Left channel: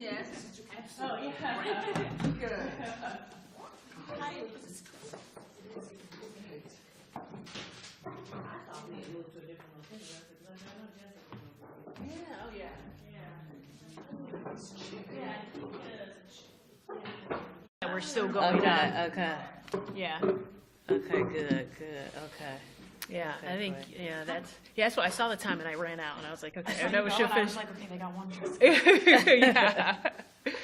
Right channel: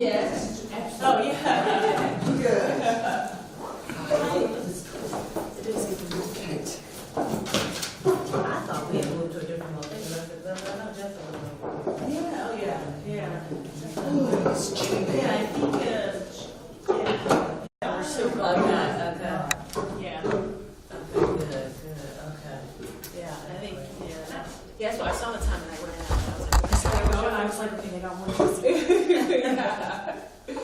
Yes. Oh, yeah. Good. It is Kate. I thought we had moved to a different location. I said, no, just a little. Yeah, oh, yeah, yeah. Oh, It's cheap. yeah, I think, We're still going on. okay. Yeah, Okay, good, okay. yeah, I think, that's what I saw the time and I ran out. I was like, this is how we show I was finish. like, okay, they don't want to Yeah. Okay,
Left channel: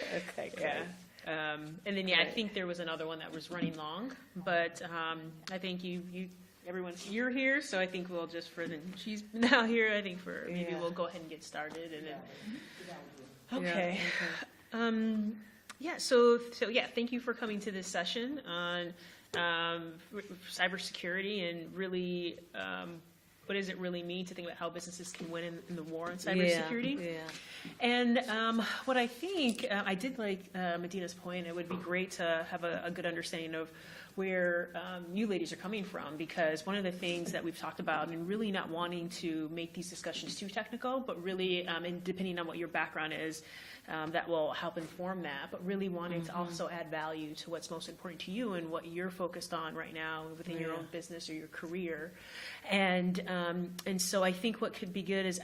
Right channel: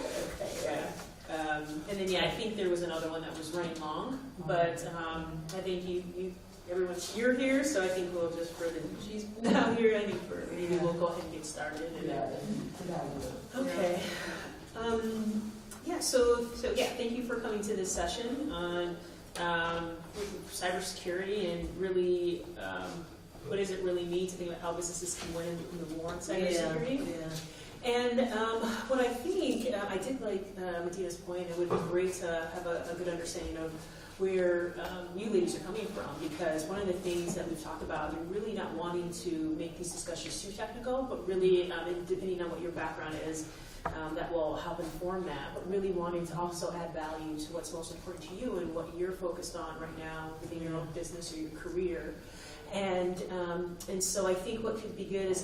yeah. And then, I think there was another one that was running long, but, I think you're here, so I think we'll just, she's now here, I think maybe we'll go ahead and get started. Okay. Thank you for coming to this session on cybersecurity and really, what does it really mean to think about how businesses can win in the war on cybersecurity? Yeah. And what I think, I did like Medina's point, it would be great to have a good understanding of where you ladies are coming from, because one of the things that we've talked about, and really not wanting to make these discussions too technical, but really, and depending on what your background is, that will help inform that, but really wanting to also add value to what's most important to you and what you're focused on right now within your own business or your career. And so I think what could be good is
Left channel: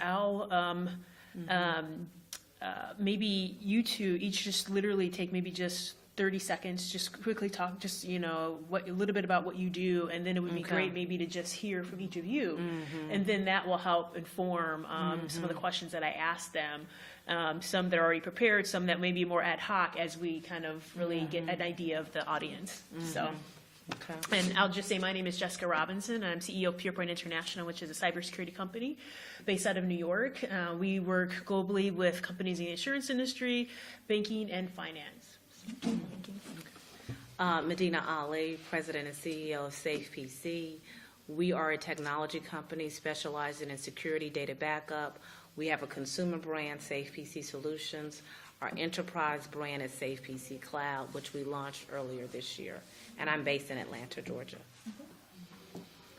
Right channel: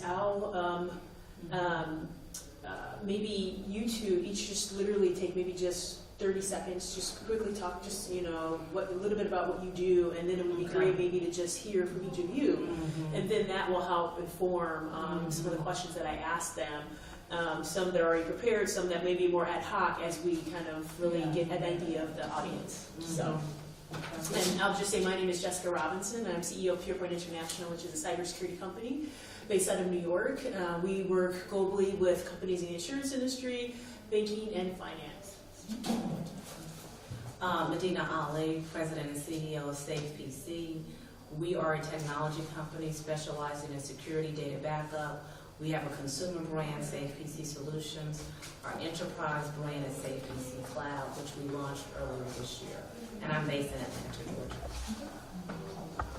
maybe you two each just literally take maybe just 30 seconds, just quickly talk, just, a little bit about what you do, and then it would be great maybe to just hear from each of you. Mm-hmm. And then that will help inform some of the questions that I asked them. Some that are already prepared, some that may be more ad hoc as we kind of really get an idea of the audience. Mm-hmm. So, and I'll just say my name is Jessica Robinson. I'm CEO of PurePoint International, which is a cybersecurity company based out of New York. We work globally with companies in the insurance industry, banking, and finance. Medina Ali, President and CEO of SafePC. We are a technology company specializing in security data backup. We have a consumer brand, SafePC Solutions. Our enterprise brand is SafePC Cloud, which we launched earlier this year. And I'm based in Atlanta, Georgia.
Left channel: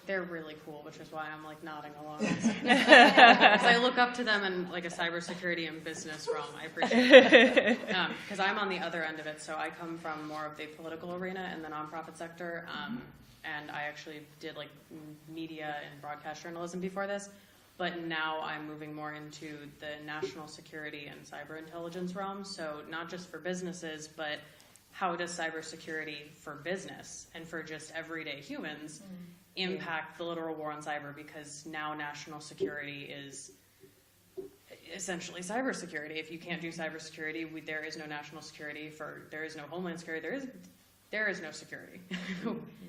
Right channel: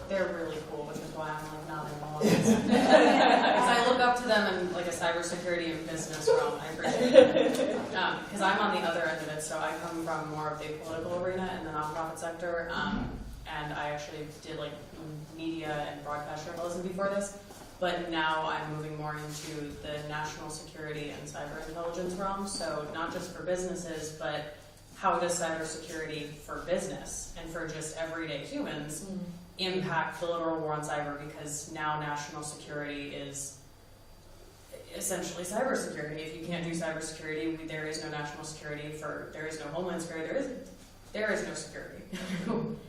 They're really cool, which is why I'm like nodding along. Because I look up to them in like a cybersecurity and business realm. I appreciate it. Because I'm on the other end of it, so I come from more of the political arena and the nonprofit sector. And I actually did like media and broadcast journalism before this. But now I'm moving more into the national security and cyber intelligence realm. So not just for businesses, but how does cybersecurity for business and for just everyday humans impact the literal war on cyber? Because now national security is essentially cybersecurity. If you can't do cybersecurity, there is no national security. There is no homeland security. There is no security.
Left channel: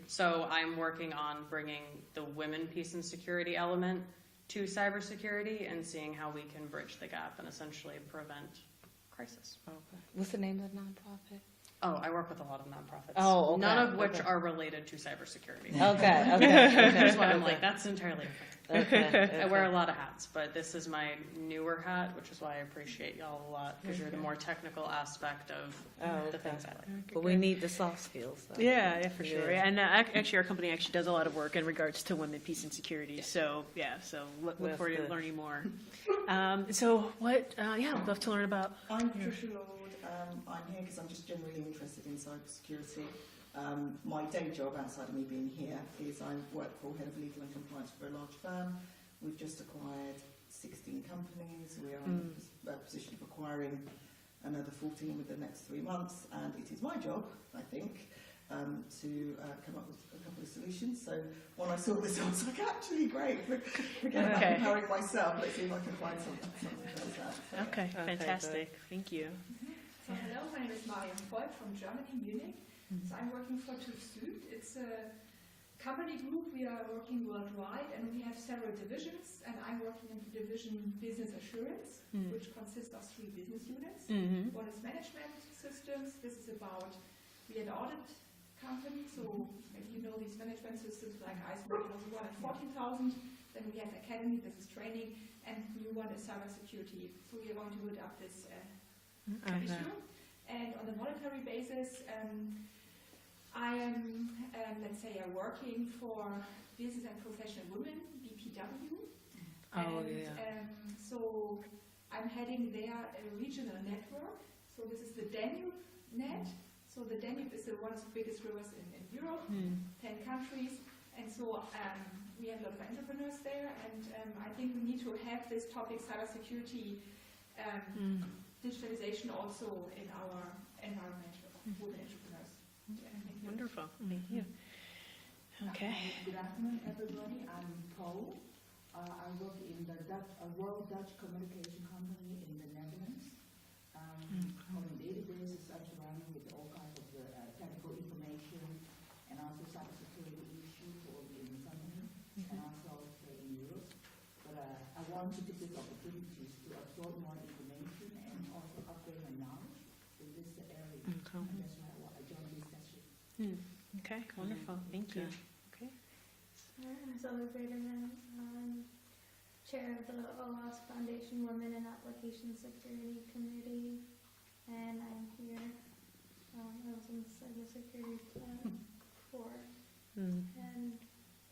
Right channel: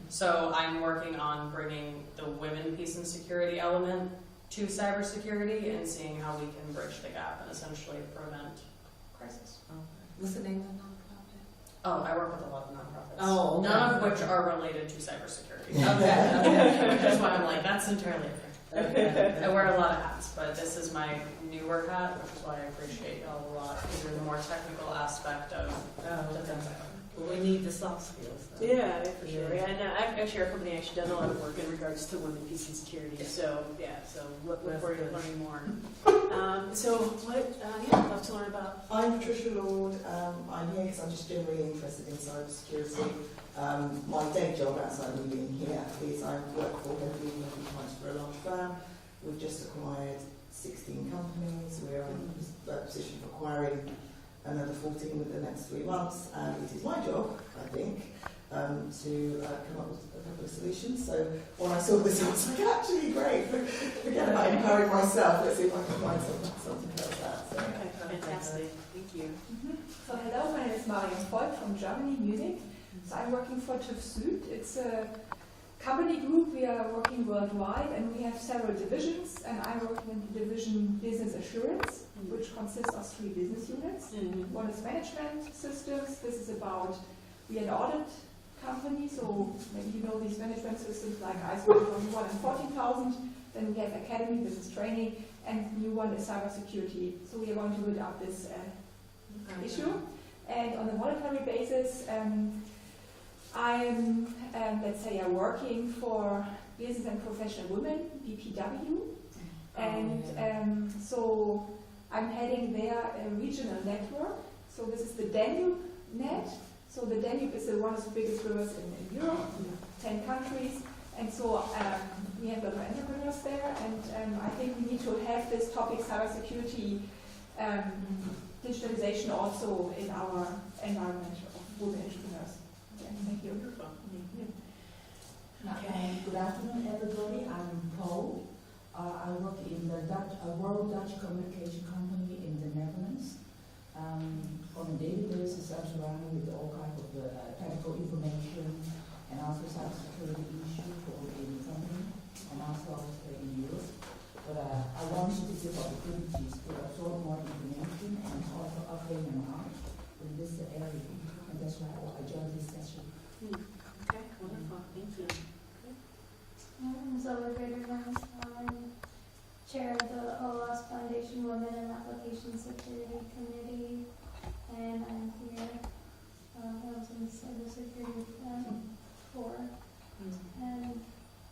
So I'm working on bringing the women peace and security element to cybersecurity and seeing how we can bridge the gap and essentially prevent crisis. Okay. What's the name of the nonprofit? Oh, I work with a lot of nonprofits. Oh, okay. None of which are related to cybersecurity. Okay. That's why I'm like, that's entirely okay. Okay. I wear a lot of hats, but this is my newer hat, which is why I appreciate y'all a lot, because of the more technical aspect of defense. But we need the soft skills. Though. Yeah, for sure. Yeah. And actually, our company actually does a lot of work in regards to women, peace, and security. So look forward to learning more. I'd love to learn about. I'm Patricia Lord. I'm here because I'm just generally interested in cybersecurity. My day job outside of being here is I work for Hague for a large firm. We've just acquired 16 companies. We're in a position for acquiring another 14 within the next 3 months, and it is my job, I think, to come up with a couple of solutions. So when I saw this, I was like, actually, great. Forget about empowering myself. Let's see if I can find something like that. So. Okay, fantastic. Thank you. So hello, my name is Marion Voigt from Germany, Munich. So I'm working for TÜV Süd. It's a company group. We are working worldwide, and we have several divisions. And I'm working in the division Business Assurance, which consists of 3 business units. One is management systems. This is about, we are an audit company, so maybe you know these management systems like ISO 14000. Then we have academy, this is training, and new one is cybersecurity. So we are going to build up this issue. And on a monetary basis, I'm, let's say, I'm working for Business and Professional Women, BPW, so I'm heading their regional network. So this is the Danube net. So the Danube is one of the biggest rivers in Europe, 10 countries. And so we have a lot of entrepreneurs there, and I think we need to have this topic, cybersecurity, digitalization also in our environment of women entrepreneurs. Okay, thank you. Wonderful. Thank you. Good afternoon, everybody. I'm Paul. I work in the World Dutch Communication Company in the Netherlands. On a daily basis, I'm surrounded with all kinds of technical information and also cybersecurity issues for in the company and also in Europe. But I want to take this opportunities to absorb more information and also update my knowledge in this area. And that's why I joined this session. Okay, wonderful. Thank you. I'm Zoe Graderman, chair of the OWASP Foundation Women and Application Security Committee, and I'm here. I was in the cybersecurity board, and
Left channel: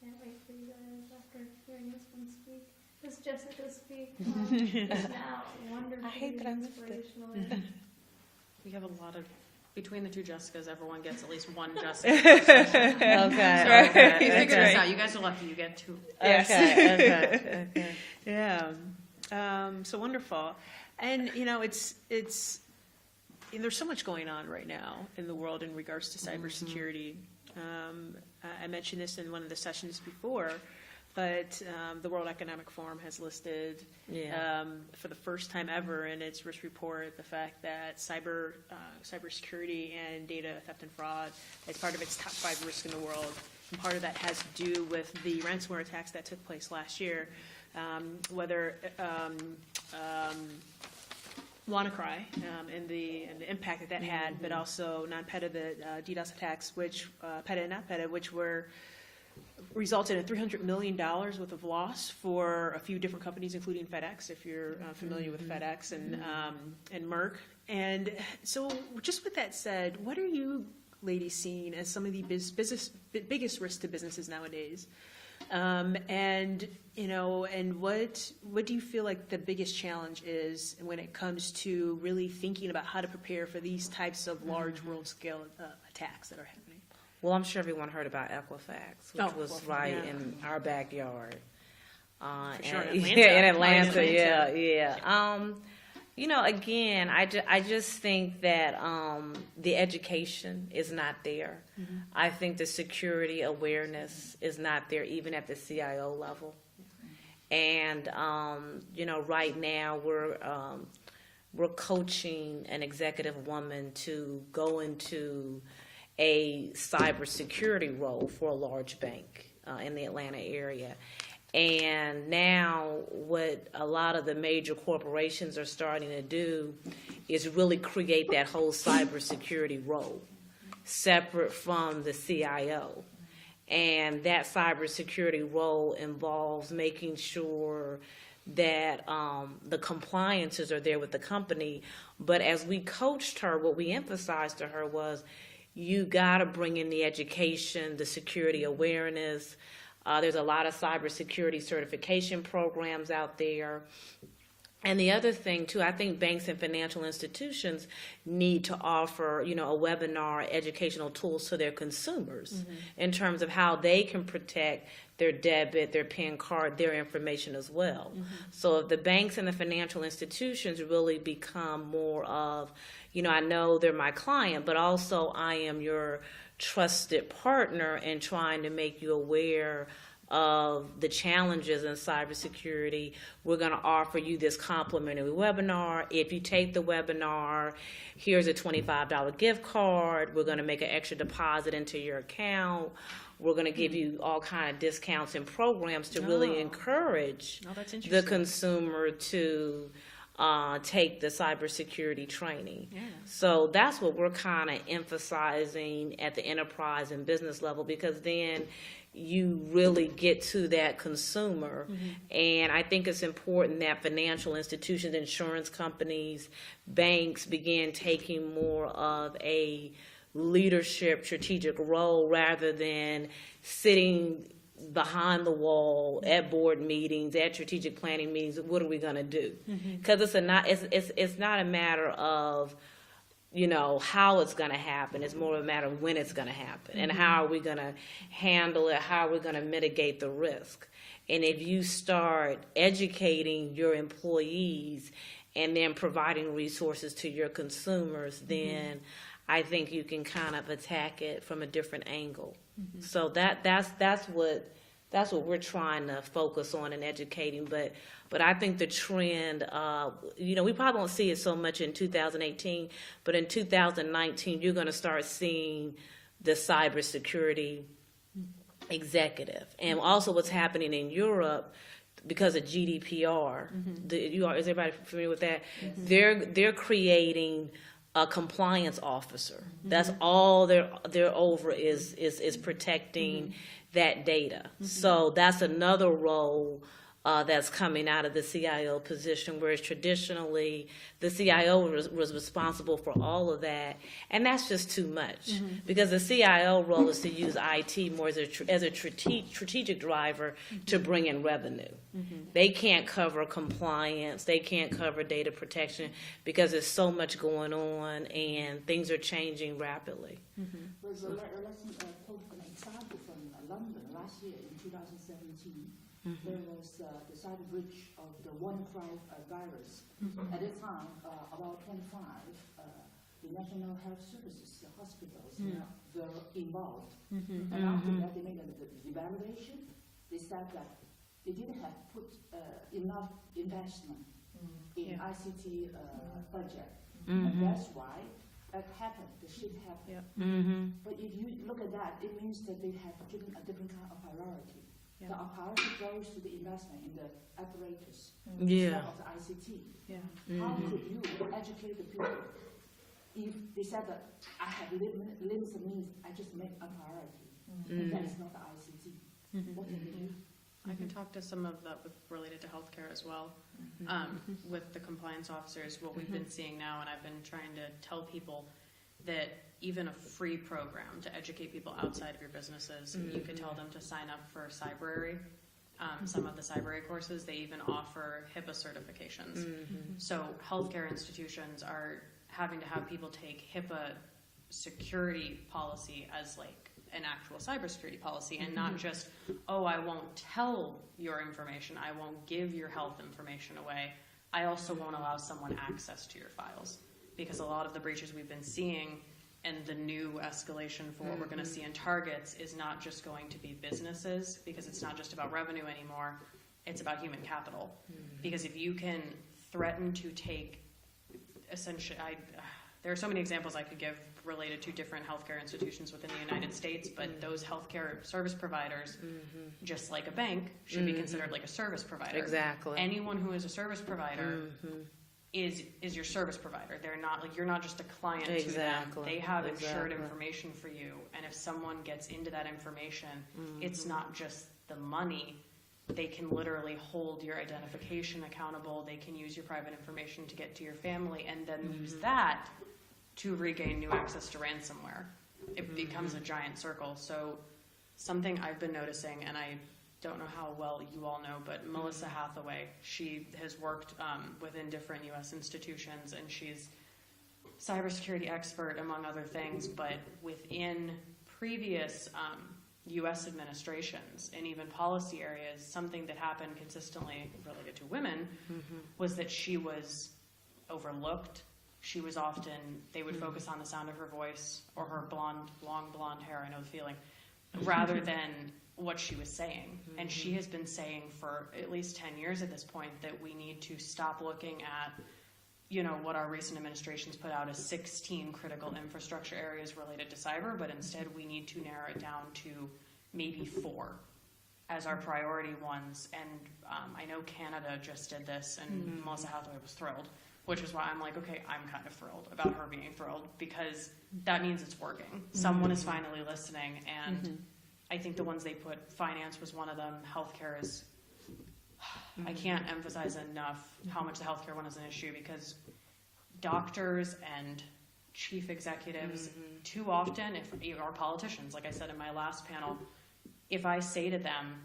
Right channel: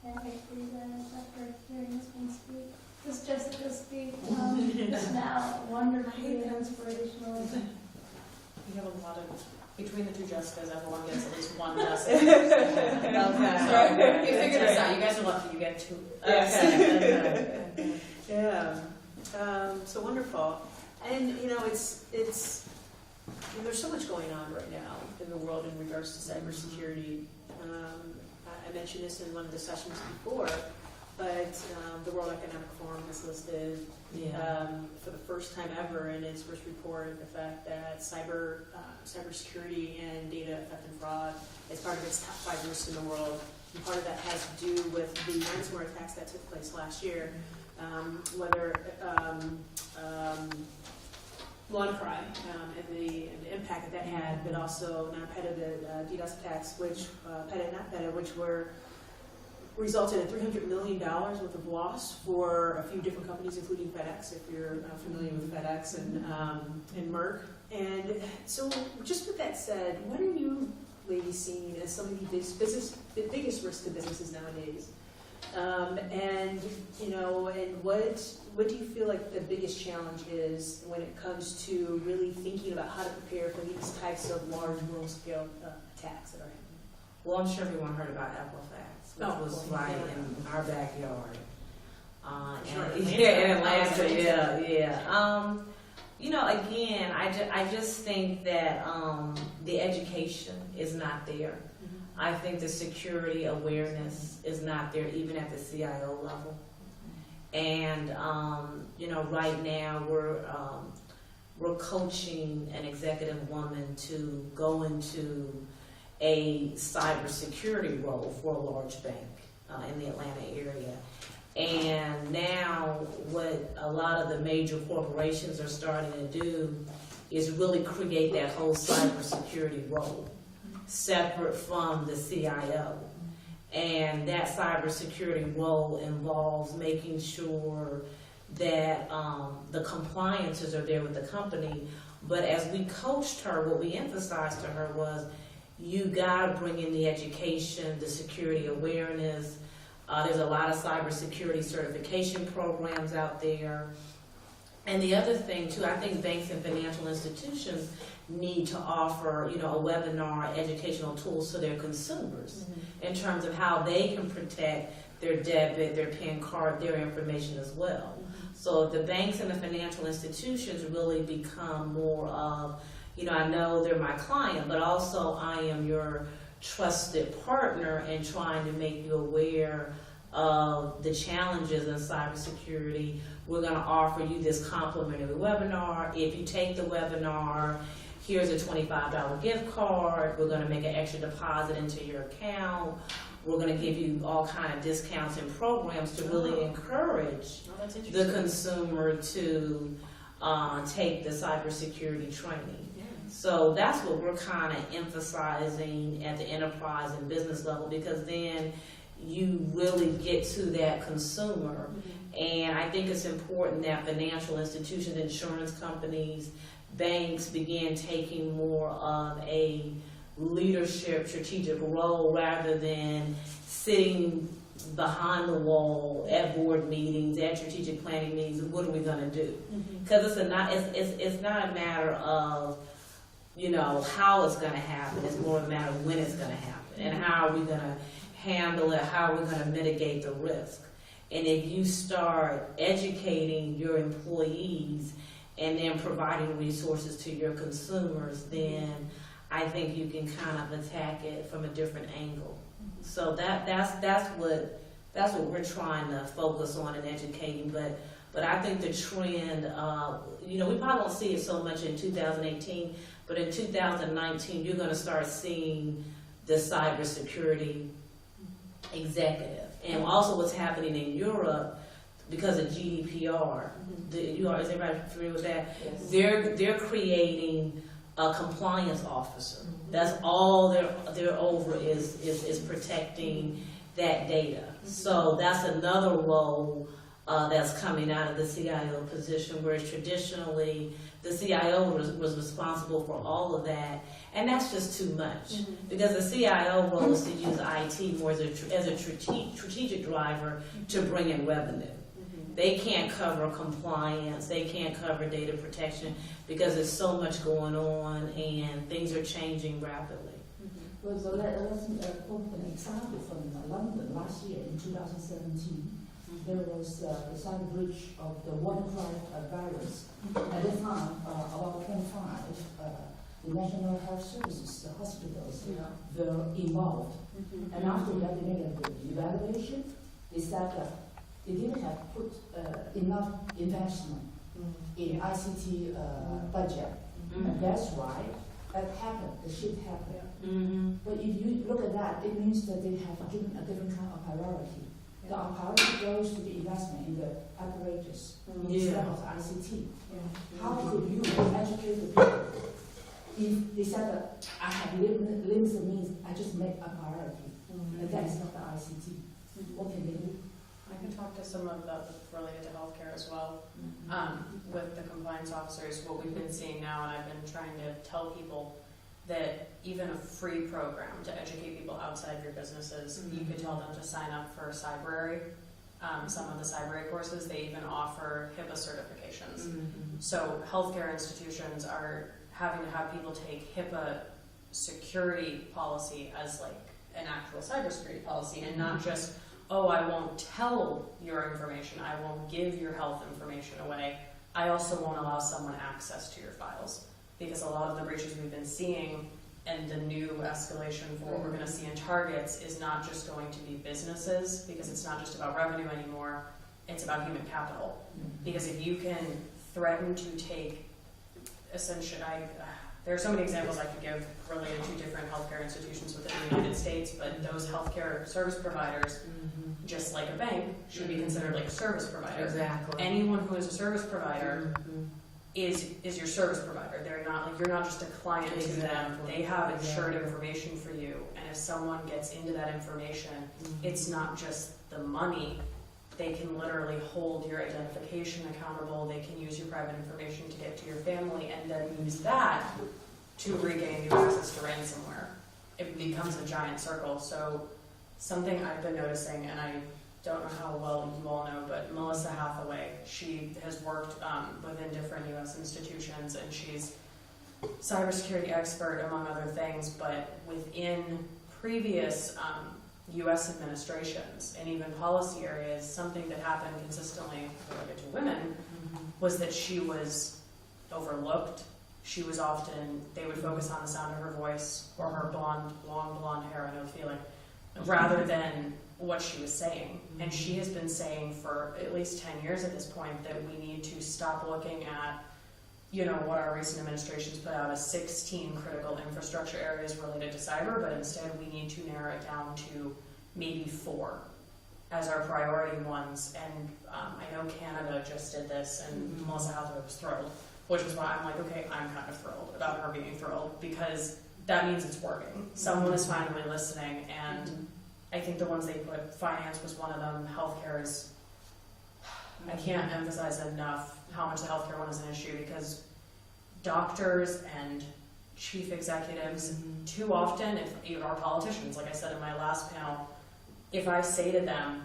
can't wait for you guys after hearing this one speak. This Jessica speak now, wonderfully and inspirational. We have a lot of, between the two Jessicas, everyone gets at least one Jessica. Okay. You figure this out. You guys are lucky you get two. Okay. Yeah. So wonderful. And it's there's so much going on right now in the world in regards to cybersecurity. I mentioned this in one of the sessions before, but the World Economic Forum has listed for the first time ever in its risk report the fact that cybersecurity and data theft and fraud is part of its top 5 risks in the world. And part of that has to do with the ransomware attacks that took place last year. Whether WannaCry and the impact that had, but also non-PETA, the DDoS attacks, which PETA and not PETA, which were resulted in $300 million worth of loss for a few different companies, including FedEx, if you're familiar with FedEx and Merck. And so, just with that said, what are you ladies seeing as some of the biggest risks to businesses nowadays? And what do you feel like the biggest challenge is when it comes to really thinking about how to prepare for these types of large world-scale attacks that are happening? Well, I'm sure everyone heard about Equifax, which was right in our backyard. In Atlanta, yeah. Again, I just think that the education is not there. Mm-hmm. I think the security awareness is not there, even at the CIO level. And right now we're coaching an executive woman to go into a cybersecurity role for a large bank in the Atlanta area. And now what a lot of the major corporations are starting to do is really create that whole cybersecurity role separate from the CIO. And that cybersecurity role involves making sure that the compliances are there with the company. But as we coached her, what we emphasized to her was, you got to bring in the education, the security awareness. There's a lot of cybersecurity certification programs out there. And the other thing, too, I think banks and financial institutions need to offer, a webinar educational tools to their consumers in terms of how they can protect their debit, their PIN card, their information as well. So if the banks and the financial institutions really become more of, I know they're my client, but also I am your trusted partner in trying to make you aware of the challenges in cybersecurity, we're going to offer you this complimentary webinar. If you take the webinar, here's a $25 gift card. We're going to make an extra deposit into your account. We're going to give you all kind of discounts and programs to really encourage the consumer to take the cybersecurity training. Yeah. So that's what we're kind of emphasizing at the enterprise and business level, because then you really get to that consumer. And I think it's important that financial institutions, insurance companies, banks begin taking more of a leadership strategic role rather than sitting behind the wall at board meetings, at strategic planning meetings of what are we going to do. Because it's not a matter of how it's going to happen. It's more a matter of when it's going to happen and how are we going to handle it, how are we going to mitigate the risk. And if you start educating your employees and then providing resources to your consumers, then I think you can kind of attack it from a different angle. So that's what we're trying to focus on in educating. But I think the trend, we probably won't see it so much in 2018, but in 2019 you're going to start seeing the cybersecurity executive, and also what's happening in Europe because of GDPR. Is everybody familiar with that? Yes. They're creating a compliance officer. That's all they're over is protecting that data. So that's another role that's coming out of the CIO position, whereas traditionally the CIO was responsible for all of that, and that's just too much because the CIO role is to use IT more as a strategic driver to bring in revenue. They can't cover compliance, they can't cover data protection because there's so much going on and things are changing rapidly. So let us quote an example from London last year in 2017. There was the cyber breach of the WannaCry virus. At the time, about 25, the National Health Services, the hospitals, were involved. And after that, they made an evaluation. They said that they didn't have put enough investment in ICT budget. And that's why that happened, the shit happened. But if you look at that, it means that they have given a different kind of priority. The priority goes to the investment in the apparatus instead of the ICT. How could you educate the people if they said that I have limited means, I just make a priority, and that is not the ICT? What can they do? I can talk to some of the related to healthcare as well. With the compliance officers, what we've been seeing now, and I've been trying to tell people that even a free program to educate people outside of your businesses, you could tell them to sign up for Cybrary. Some of the Cybrary courses, they even offer HIPAA certifications. So healthcare institutions are having to have people take HIPAA security policy as like an actual cybersecurity policy, and not just, I won't tell your information, I won't give your health information away, I also won't allow someone access to your files. Because a lot of the breaches we've been seeing and the new escalation for what we're going to see in targets is not just going to be businesses, because it's not just about revenue anymore, it's about human capital. Because if you can threaten to take, essentially, there are so many examples I could give related to different healthcare institutions within the United States, but those healthcare service providers, just like a bank, should be considered like a service provider. Exactly. Anyone who is a service provider is your service provider. They're not like, you're not just a client to them. They have insured information for you, and if someone gets into that information, it's not just the money. They can literally hold your identification accountable. They can use your private information to get to your family, and then use that to regain new access to ransomware. It becomes a giant circle. So something I've been noticing, and I don't know how well you all know, but Melissa Hathaway, she has worked within different U.S. institutions, and she's cybersecurity expert among other things, but within previous U.S. administrations and even policy areas, something that happened consistently related to women was that she was overlooked. She was often, they would focus on the sound of her voice or her long blonde hair, I know the feeling, rather than what she was saying. And she has been saying for at least 10 years at this point that we need to stop looking at, what our recent administrations put out as 16 critical infrastructure areas related to cyber, but instead we need to narrow it down to maybe 4 as our priority ones. And I know Canada just did this, and Melissa Hathaway was thrilled, which is why I'm like, okay, I'm kind of thrilled about her being thrilled, because that means it's working. Someone is finally listening, and I think the ones they put, finance was one of them, healthcare is, I can't emphasize enough how much the healthcare one is an issue, because doctors and chief executives, too often, if even our politicians, like I said in my last panel, if I say to them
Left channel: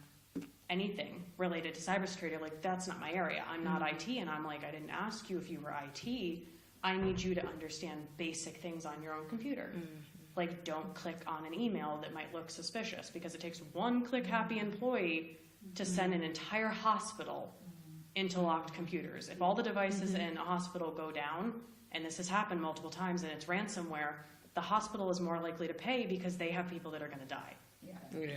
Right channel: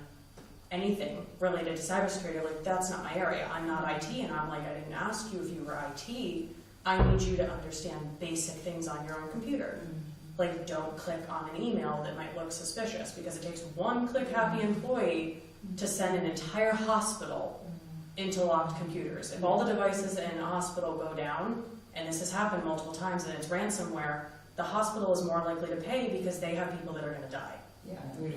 anything related to cybersecurity, like, that's not my area, I'm not IT, and I'm like, I didn't ask you if you were IT, I need you to understand basic things on your own computer. Like, don't click on an email that might look suspicious, because it takes one click-happy employee to send an entire hospital into locked computers. If all the devices in a hospital go down, and this has happened multiple times, and it's ransomware, the hospital is more likely to pay because they have people that are going to die. Yeah.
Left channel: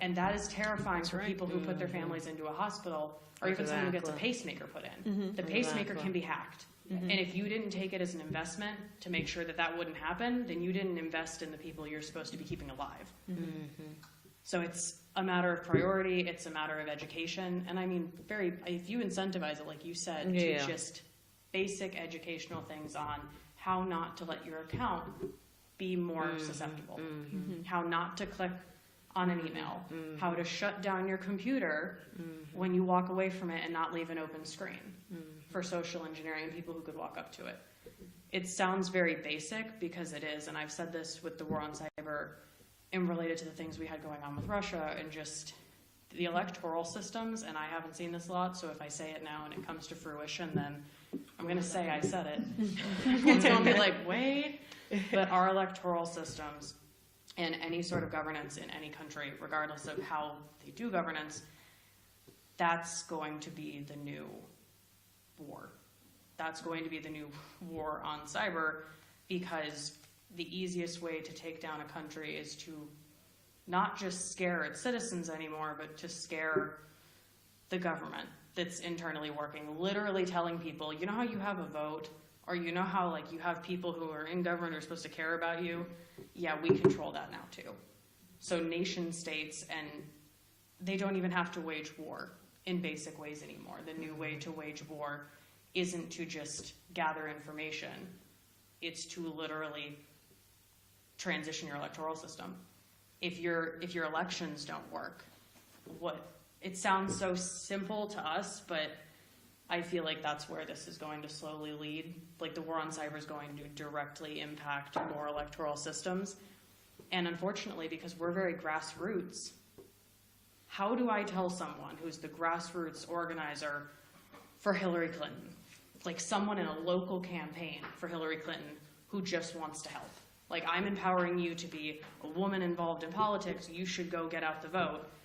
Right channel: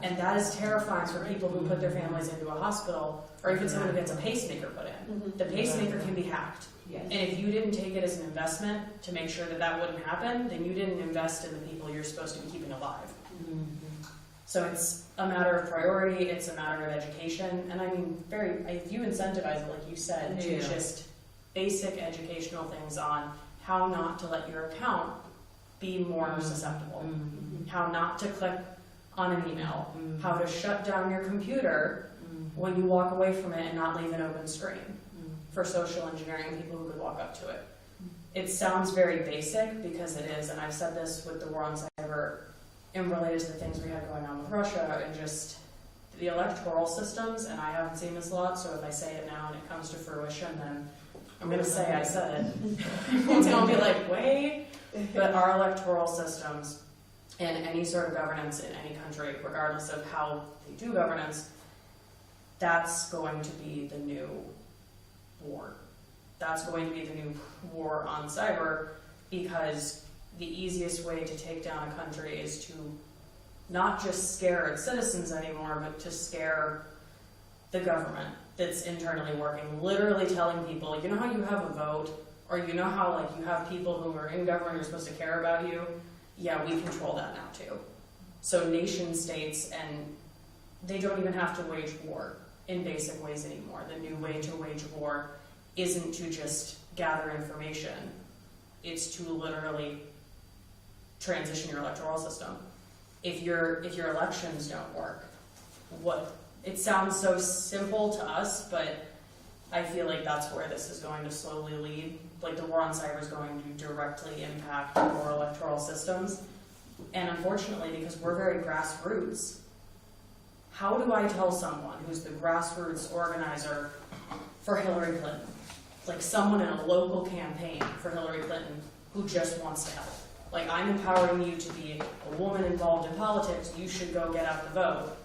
And that is terrifying for people who put their families into a hospital, or if it's someone who gets a pacemaker put in. The pacemaker can be hacked. Yeah. And if you didn't take it as an investment to make sure that that wouldn't happen, then you didn't invest in the people you're supposed to be keeping alive. So it's a matter of priority, it's a matter of education, and I mean, if you incentivize it, like you said, to just basic educational things on how not to let your account be more susceptible, how not to click on an email, how to shut down your computer when you walk away from it and not leave an open screen for social engineering and people who could walk up to it. It sounds very basic, because it is, and I've said this with the war on cyber and related to the things we had going on with Russia and just the electoral systems, and I haven't seen this a lot, so if I say it now and it comes to fruition, then I'm going to say I said it. It's going to be like, wait. But our electoral systems and any sort of governance in any country, regardless of how they do governance, that's going to be the new war. That's going to be the new war on cyber, because the easiest way to take down a country is to not just scare its citizens anymore, but to scare the government that's internally working, literally telling people, you know how you have a vote, or you know how like you have people who are in government who are supposed to care about you? Yeah, we control that now too. So nation states, and they don't even have to wage war in basic ways anymore. The new way to wage war isn't to just gather information, it's to literally transition your electoral system. If your elections don't work, it sounds so simple to us, but I feel like that's where this is going to slowly lead. Like the war on cyber is going to directly impact our electoral systems. And unfortunately, because we're very grassroots, how do I tell someone who's the grassroots organizer for Hillary Clinton, like someone in a local campaign for Hillary Clinton who just wants to help? Like, I'm empowering you to be a woman involved in politics, you should go get out the vote.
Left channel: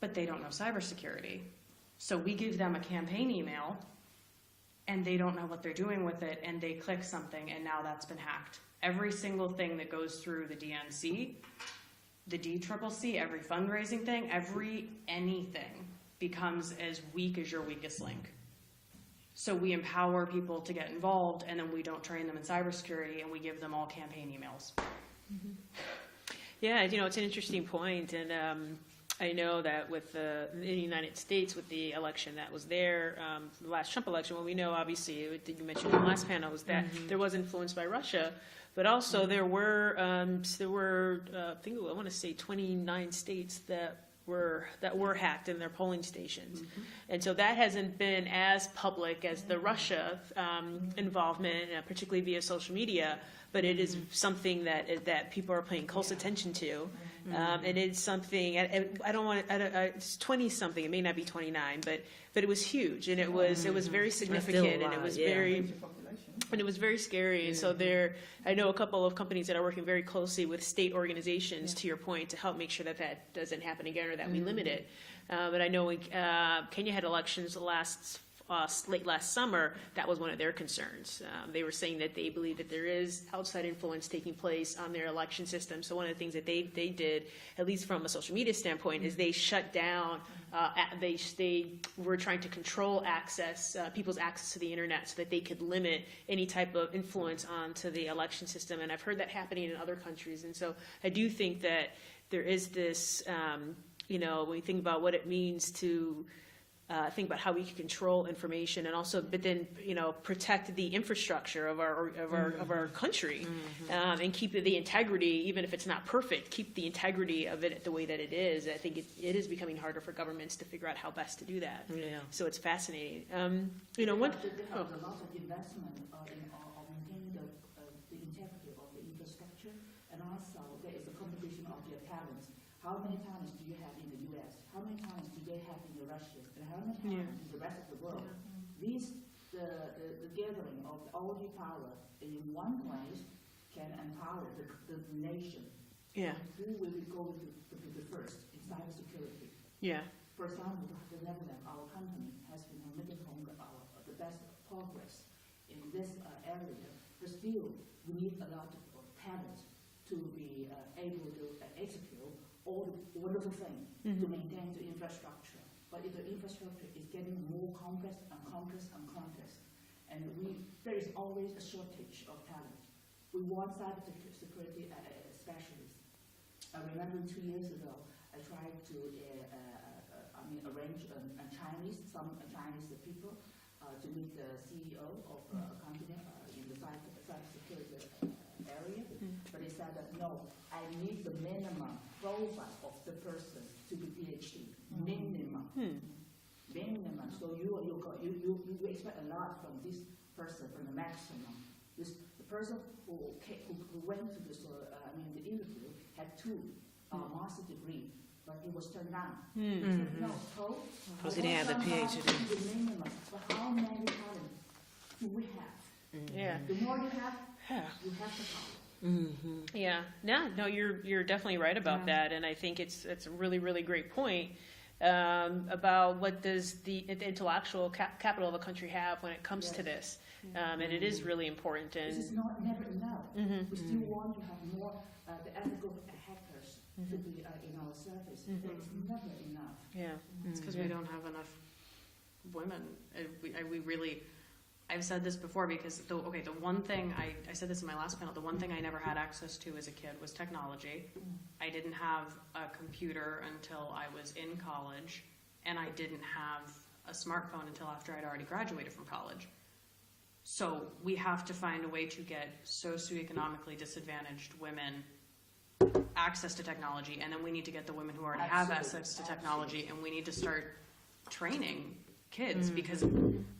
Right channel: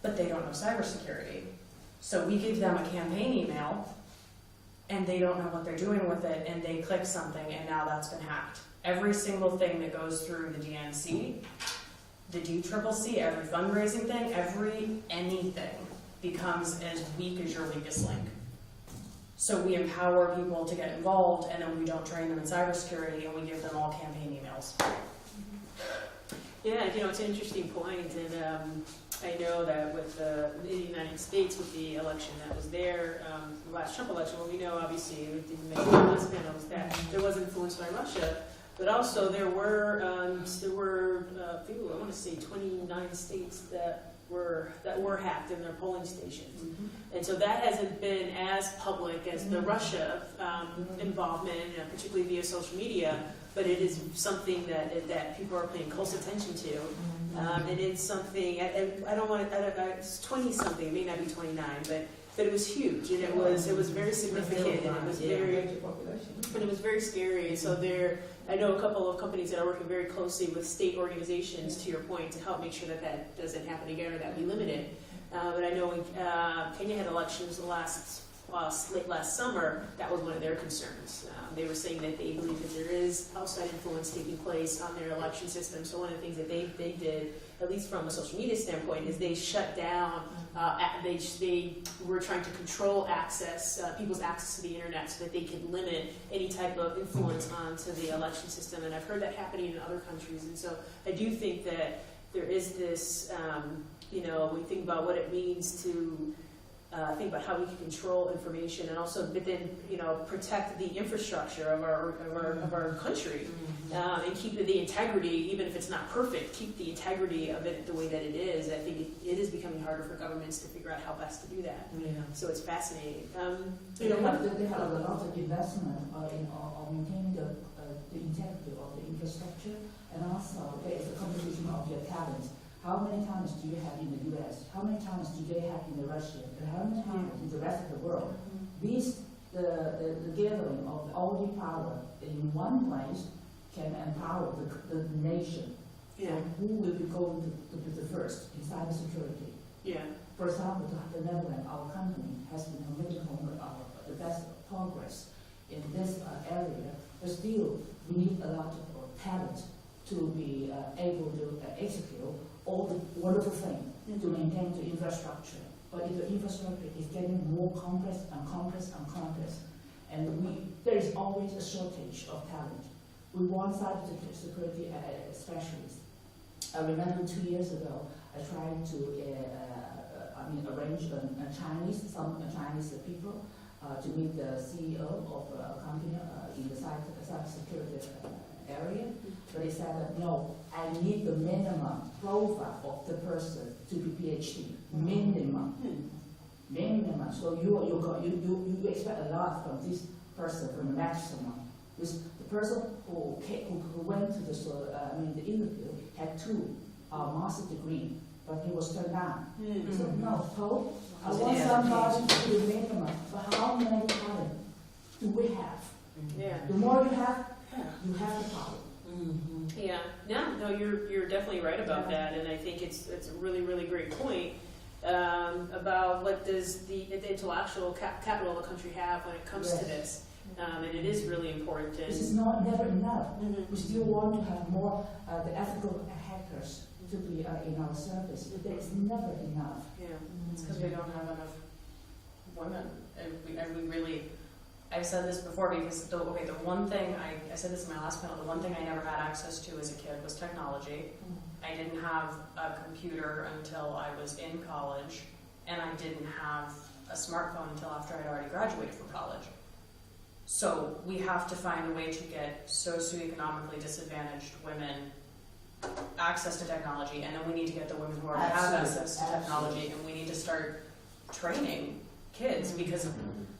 But they don't know cybersecurity. So we give them a campaign email, and they don't know what they're doing with it, and they click something, and now that's been hacked. Every single thing that goes through the DNC, the DCCC, every fundraising thing, anything becomes as weak as your weakest link. So we empower people to get involved, and then we don't train them in cybersecurity, and we give them all campaign emails. Yeah, it's an interesting point, and I know that with the United States, with the election that was there, the last Trump election, what we know, obviously, you mentioned in the last panel, is that there was influence by Russia, but also there were I want to say 29 states that were hacked in their polling stations. And so that hasn't been as public as the Russia involvement, particularly via social media, but it is something that people are paying close attention to. And it's something, it's 20-something, it may not be 29, but it was huge, and it was very significant, and it was very scary. And so I know a couple of companies that are working very closely with state organizations, to your point, to help make sure that doesn't happen again, or that we limit it. But I know Kenya had elections late last summer. That was one of their concerns. They were saying that they believe that there is outside influence taking place on their election system. So one of the things that they did, at least from a social media standpoint, is they shut down. They were trying to control people's access to the internet, so that they could limit any type of influence onto the election system. And I've heard that happening in other countries. And so I do think that there is this. We think about what it means to think about how we can control information, and also, but then protect the infrastructure of our country, and keep the integrity, even if it's not perfect. Keep the integrity of it the way that it is. I think it is becoming harder for governments to figure out how best to do that. Yeah. So it's fascinating. They have a lot of investment in maintaining the integrity of the infrastructure, and also there is a competition of your talents. How many times do you have in the U.S.? How many times do they have in Russia? And how many times in the rest of the world? These the gathering of all the power in one place can empower the nation. Yeah. So who will be going to be the first in cybersecurity? Yeah. For example, the Netherlands, our company, has been making the best progress in this area, but still we need a lot of talent to be able to execute all the wonderful things to maintain the infrastructure. But if the infrastructure is getting more complex and complex and complex, and there is always a shortage of talent. We want cybersecurity specialists. I remember 2 years ago, I tried to arrange some Chinese people to meet the CEO of a company in the cybersecurity area. But they said that no, I need the minimum profile of the person to be PhD. Minimum. Minimum. So you expect a lot from this person, from the maximum. The person who went to the interview had 2 master's degree, but he was turned down. He said, no, Paul, I want somebody to do the minimum, but how many talent do we have? Yeah. The more you have the power. Yeah. No, you're definitely right about that, and I think it's a really, really great point about what does the intellectual capital of the country have when it comes to this. And it is really important. This is never enough. We still want to have more the ethical hackers to be in our service. It's never enough. Yeah. It's because we don't have enough women, and we really. I've said this before because the one thing I said this in my last panel. The one thing I never had access to as a kid was technology. I didn't have a computer until I was in college, and I didn't have a smartphone until after I'd already graduated from college. So we have to find a way to get socioeconomically disadvantaged women access to technology, and then we need to get the women who already have access to technology, and we need to start training kids, because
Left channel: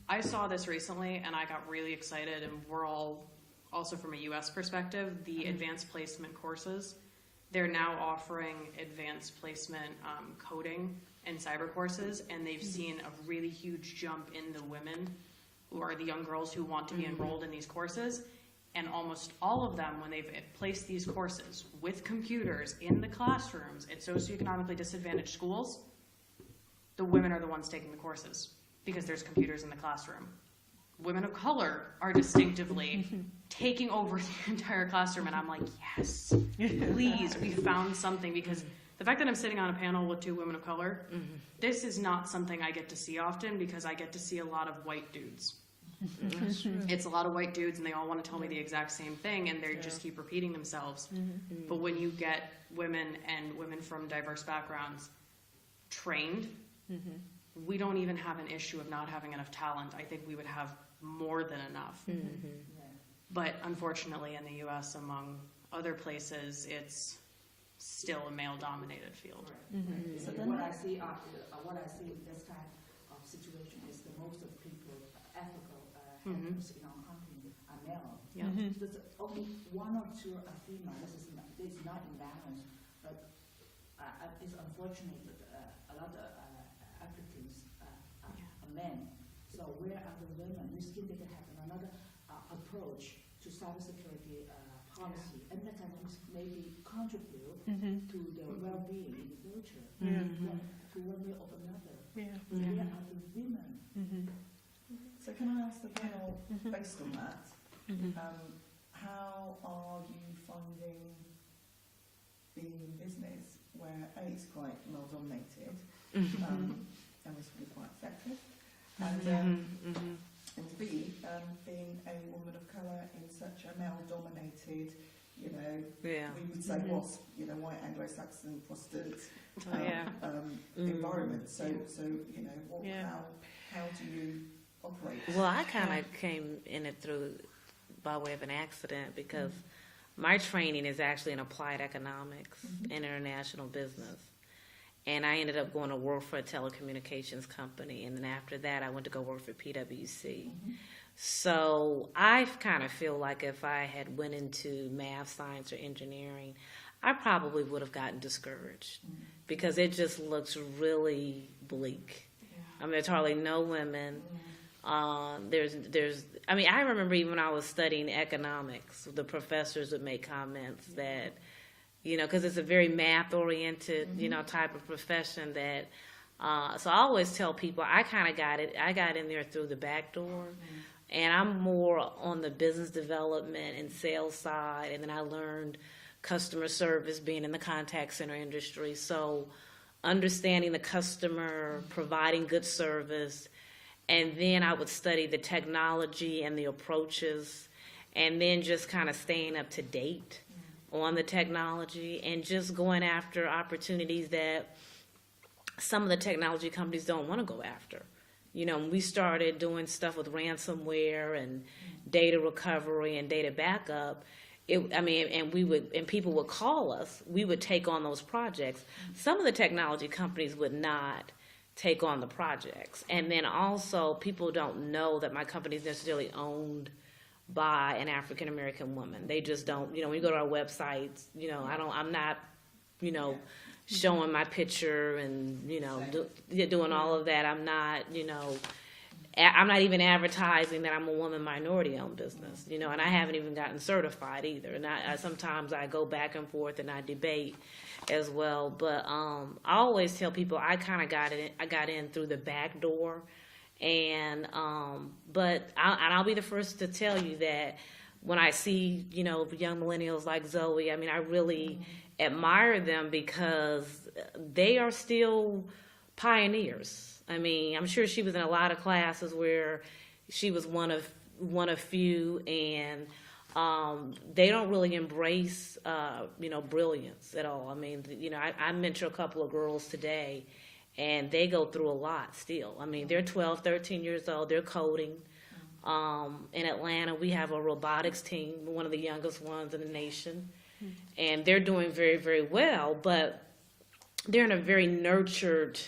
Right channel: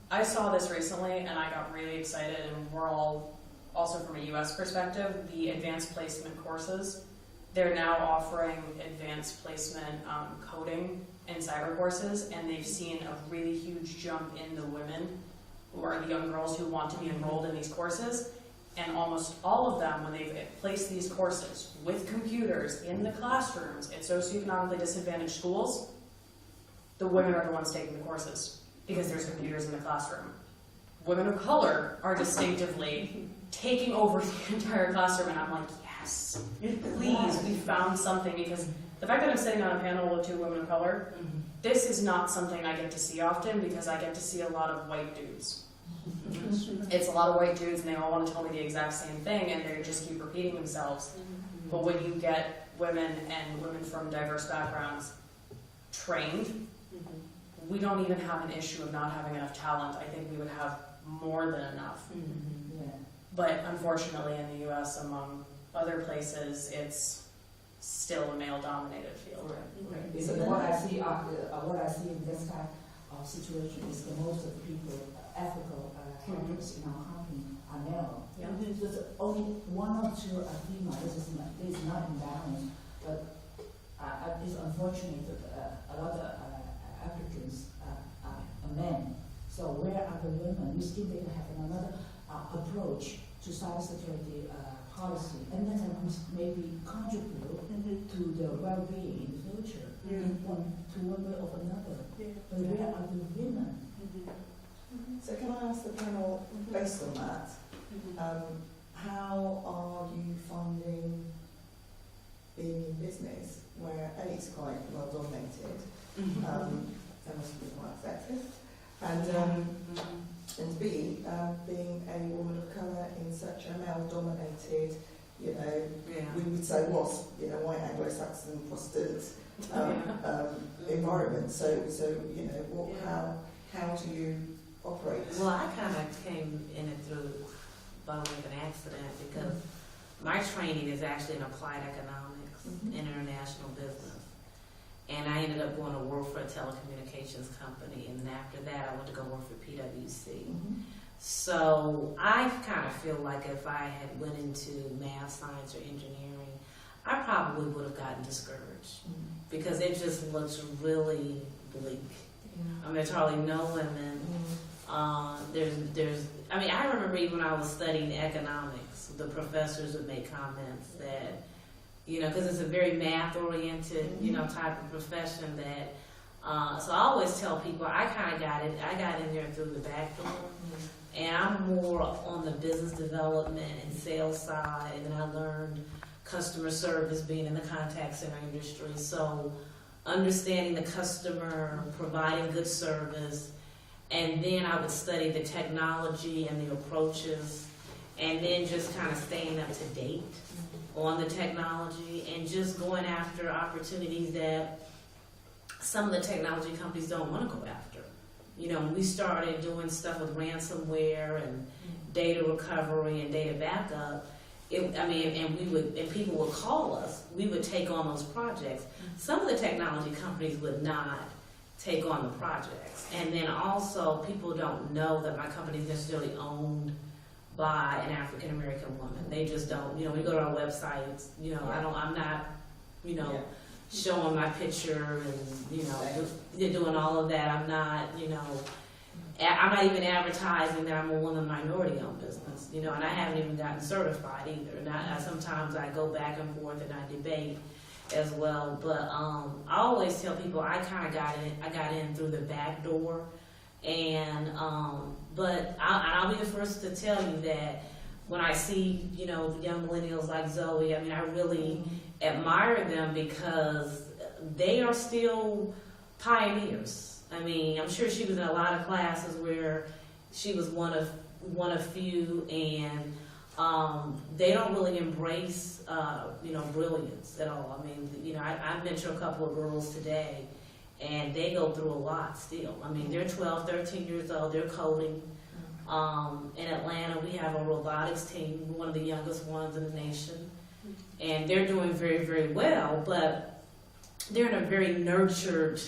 I saw this recently and I got really excited, and we're all, also from a US perspective, the advanced placement courses, they're now offering advanced placement coding and cyber courses, and they've seen a really huge jump in the women who are the young girls who want to be enrolled in these courses. And almost all of them, when they've placed these courses with computers in the classrooms at socioeconomically disadvantaged schools, the women are the ones taking the courses because there's computers in the classroom. Women of color are distinctively taking over the entire classroom, and I'm like, yes, please, we found something, because the fact that I'm sitting on a panel with 2 women of color, this is not something I get to see often, because I get to see a lot of white dudes. It's a lot of white dudes, and they all want to tell me the exact same thing, and they just keep repeating themselves. But when you get women and women from diverse backgrounds trained, we don't even have an issue of not having enough talent. I think we would have more than enough. But unfortunately in the US, among other places, it's still a male-dominated field. So what I see in this type of situation is the most of the people, ethical hackers in our company are male. There's only 1 or 2 are female. This is not imbalanced, but it's unfortunate that a lot of applicants are men. So where are the women? We still need to have another approach to cybersecurity policy, and then maybe contribute to their well-being in the future, to one way or another. But where are the women? So can I ask the panel, based on that, how are you finding being in business where A, it's quite well dominated, there must be quite sexist, and B, being a woman of colour in such a male-dominated, we would say white Anglo-Saxon Protestant environment. So how do you operate? Well, I kind of came in it through by way of an accident, because my training is actually in applied economics and international business. And I ended up going to work for a telecommunications company, and then after that I went to go work for PwC. So I kind of feel like if I had went into math, science, or engineering, I probably would have gotten discouraged, because it just looks really bleak. I mean, there's hardly no women. I mean, I remember even when I was studying economics, the professors would make comments that, you know, because it's a very math-oriented, you know, type of profession that, so I always tell people I got in there through the back door, and I'm more on the business development and sales side, and then I learned customer service being in the contact center industry, so understanding the customer, providing good service, and then I would study the technology and the approaches, and then just kind of staying up to date on the technology and just going after opportunities that some of the technology companies don't want to go after. You know, we started doing stuff with ransomware and data recovery and data backup. And people would call us. We would take on those projects. Some of the technology companies would not take on the projects. And then also, people don't know that my company is necessarily owned by an African American woman. They just don't. You know, when you go to our websites, you know, I'm not, you know, showing my picture and, you know, doing all of that. I'm not, you know, I'm not even advertising that I'm a woman minority-owned business, you know, and I haven't even gotten certified either. And sometimes I go back and forth and I debate as well. But I always tell people I kind of got in through the back door, and but I'll be the first to tell you that when I see, you know, young millennials like Zoe, I mean, I really admire them because they are still pioneers. I mean, I'm sure she was in a lot of classes where she was one of few, and they don't really embrace, you know, brilliance at all. I mean, you know, I mentor a couple of girls today, and they go through a lot still. I mean, they're 12, 13 years old, they're coding. In Atlanta, we have a robotics team, one of the youngest ones in the nation, and they're doing very, very well, but they're in a very nurtured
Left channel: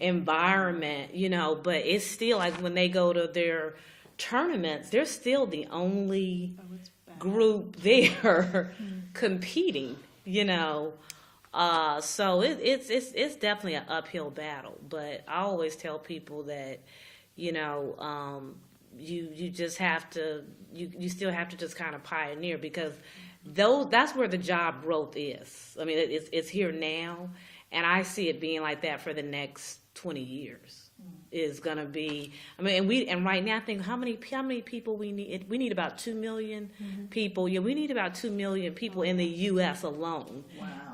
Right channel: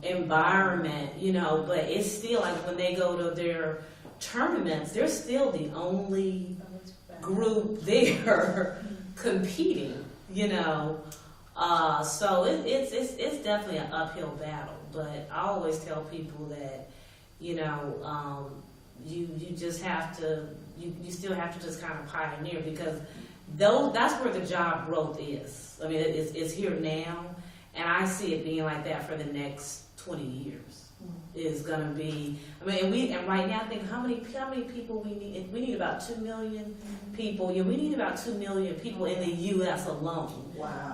environment, you know, but it's still like when they go to their tournaments, they're still the only group there competing, you know. So it's definitely an uphill battle, but I always tell people that, you know, you just have to, you still have to just kind of pioneer, because that's where the job growth is. I mean, it's here now, and I see it being like that for the next 20 years. Is gonna be. I mean, and right now, I think how many people we need? We need about 2 million people. Yeah, we need about 2 million people in the U.S. alone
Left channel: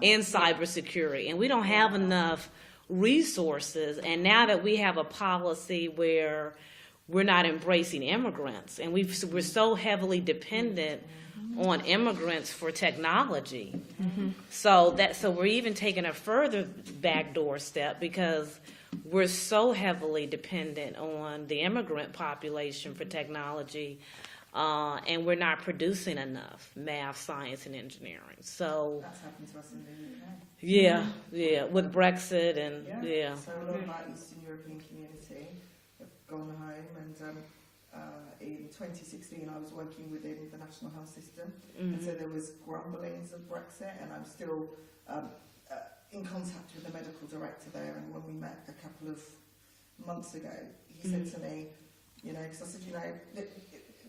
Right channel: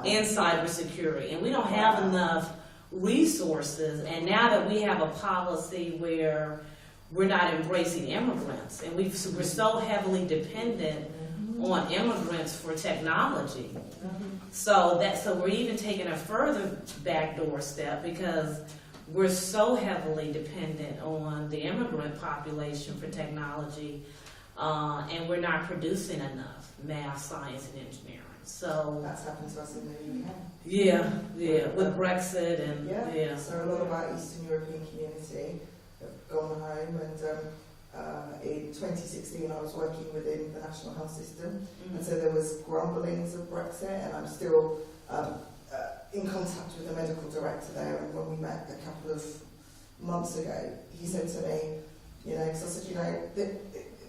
in cybersecurity, and we don't have enough resources. And now that we have a policy where we're not embracing immigrants, and we're so heavily dependent on immigrants for technology. So we're even taking a further backdoor step, because we're so heavily dependent on the immigrant population for technology, and we're not producing enough math, science, and engineering. So that's happened to us in the UK. Yeah, with Brexit and So a lot of our Eastern European community have gone home, and in 2016 I was working within the National Health System, and so there was grumblings of Brexit, and I'm still in contact with the medical director there, and when we met a couple of months ago, he said to me, you know, because I said, you know,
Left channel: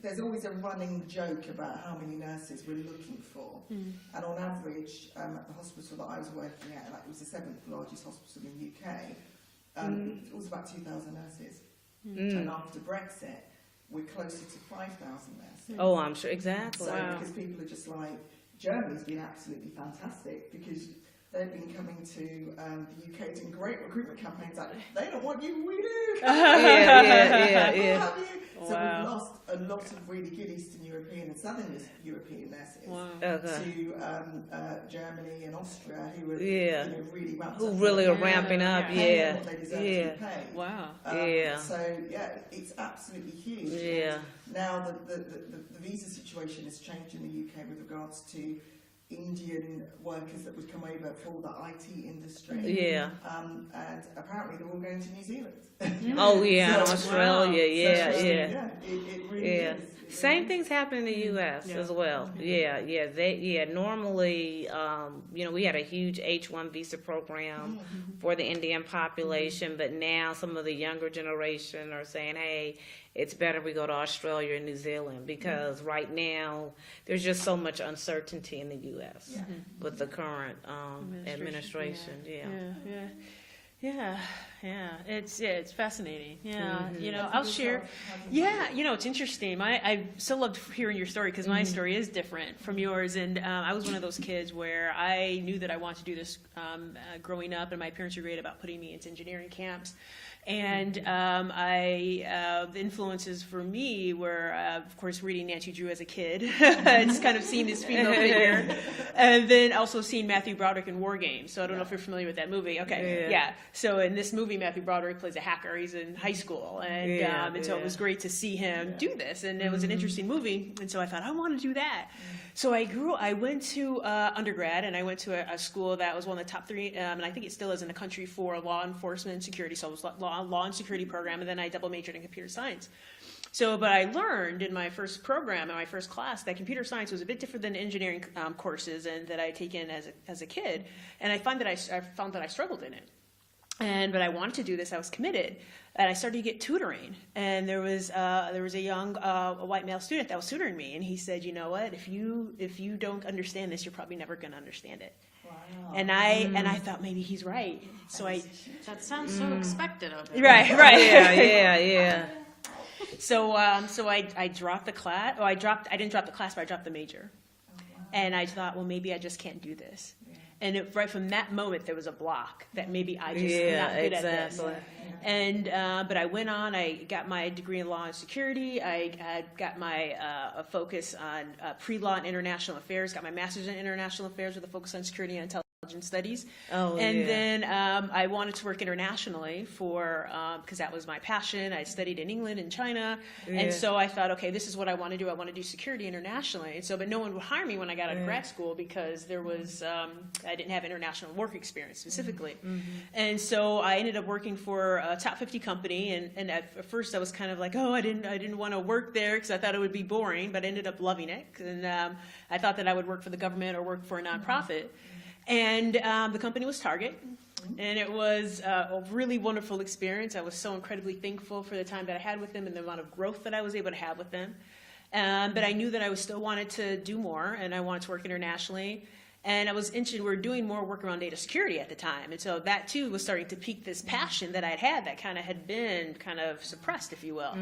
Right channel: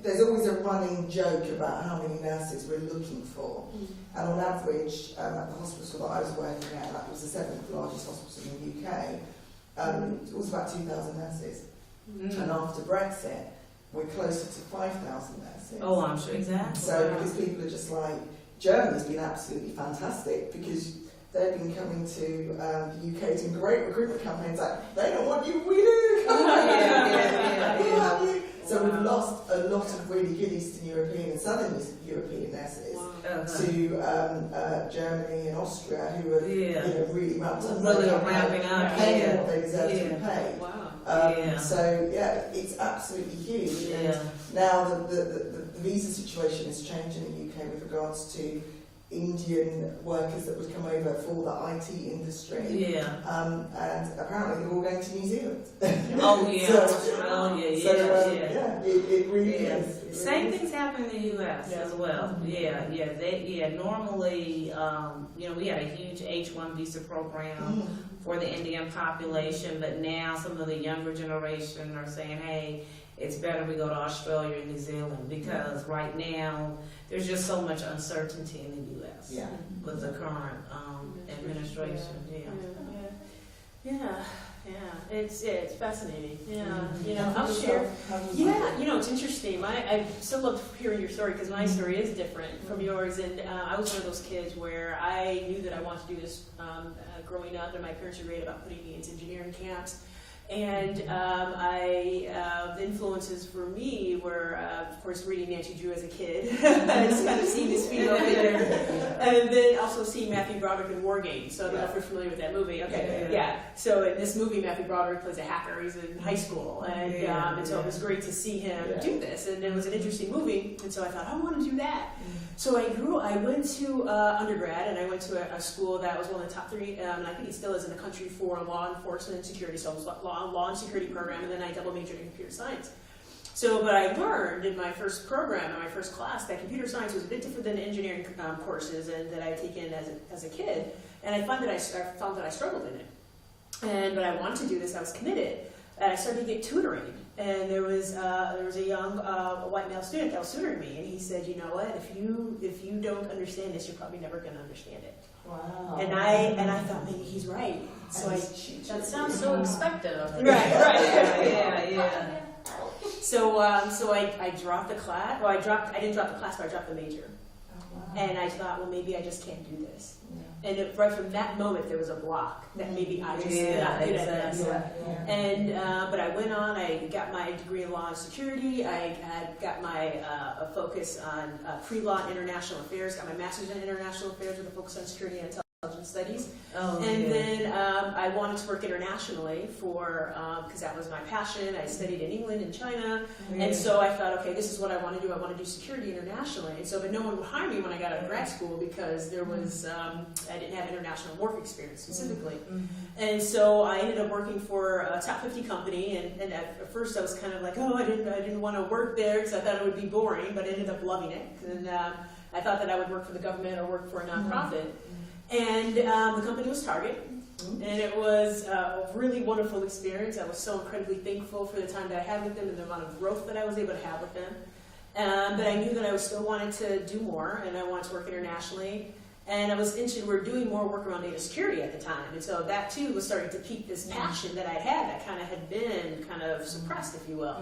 there's always a running joke about how many nurses we're looking for, and on average, at the hospital that I was working at, that was the 7th largest hospital in the UK, it was about 2,000 nurses, and after Brexit, we're closer to 5,000 nurses. Oh, I'm sure, exactly. So because people are just like, Germany's been absolutely fantastic, because they've been coming to the UK, some great recruitment campaigns, like, they don't want you, we do! Yeah. So we've lost a lot of really good Eastern European and Southern European nurses to Germany and Austria, who are you know, really ramped up. Really ramping up, paying what they deserve to be paid. Wow. So it's absolutely huge. And now the visa situation has changed in the UK with regards to Indian workers that would come over for the IT industry. And apparently they're all going to New Zealand. Australia, it really is. Same things happen in the U.S. as well. Normally, you know, we had a huge H-1 visa program for the Indian population, but now some of the younger generation are saying, hey, it's better we go to Australia or New Zealand, because right now there's just so much uncertainty in the U.S. Yeah. with the current administration. It's fascinating. I'll share. It's interesting. I so loved hearing your story, because my story is different from yours, and I was one of those kids where I knew that I wanted to do this growing up, and my parents were great about putting me into engineering camps. And the influences for me were, of course, reading Nancy Drew as a kid. It's kind of seeing this female figure. And then also seeing Matthew Broderick in War Games. So I don't know if you're familiar with that movie. Okay, yeah. So in this movie, Matthew Broderick plays a hacker. He's in high school. And so it was great to see him do this. And it was an interesting movie. And so I thought, I want to do that. So I went to undergrad, and I went to a school that was one of the top 3, and I think it still is in the country, for law enforcement and security. So it was law and security program, and then I double majored in computer science. But I learned in my first program, in my first class, that computer science was a bit different than engineering courses and that I had taken as a kid. And I found that I struggled in it. But I wanted to do this. I was committed. And I started to get tutoring, and there was a young white male student that was tutoring me, and he said, you know what, if you don't understand this, you're probably never going to understand it. Wow. And I thought, maybe he's right. So that sounds so expected of him. right. Yeah. So I dropped the class. I didn't drop the class, but I dropped the major. And I thought, well, maybe I just can't do this. And right from that moment, there was a block that maybe I just not good at this. And but I went on. I got my degree in law and security. I had got my focus on pre-law and international affairs. Got my master's in international affairs with a focus on security and intelligence studies. Then I wanted to work internationally because that was my passion. I studied in England and China, and so I thought, okay, this is what I want to do. I want to do security internationally. And so, but no one would hire me when I got out of grad school, because there was I didn't have international work experience specifically. And so I ended up working for a top 50 company, and at first I was kind of like, oh, I didn't want to work there because I thought it would be boring, but I ended up loving it. And I thought that I would work for the government or work for a nonprofit. And the company was Target, and it was a really wonderful experience. I was so incredibly thankful for the time that I had with them and the amount of growth that I was able to have with them. But I knew that I still wanted to do more, and I wanted to work internationally. And I was interested, we were doing more work around data security at the time. And so that too was starting to pique this passion that I had that kind of had been kind of suppressed, if you will.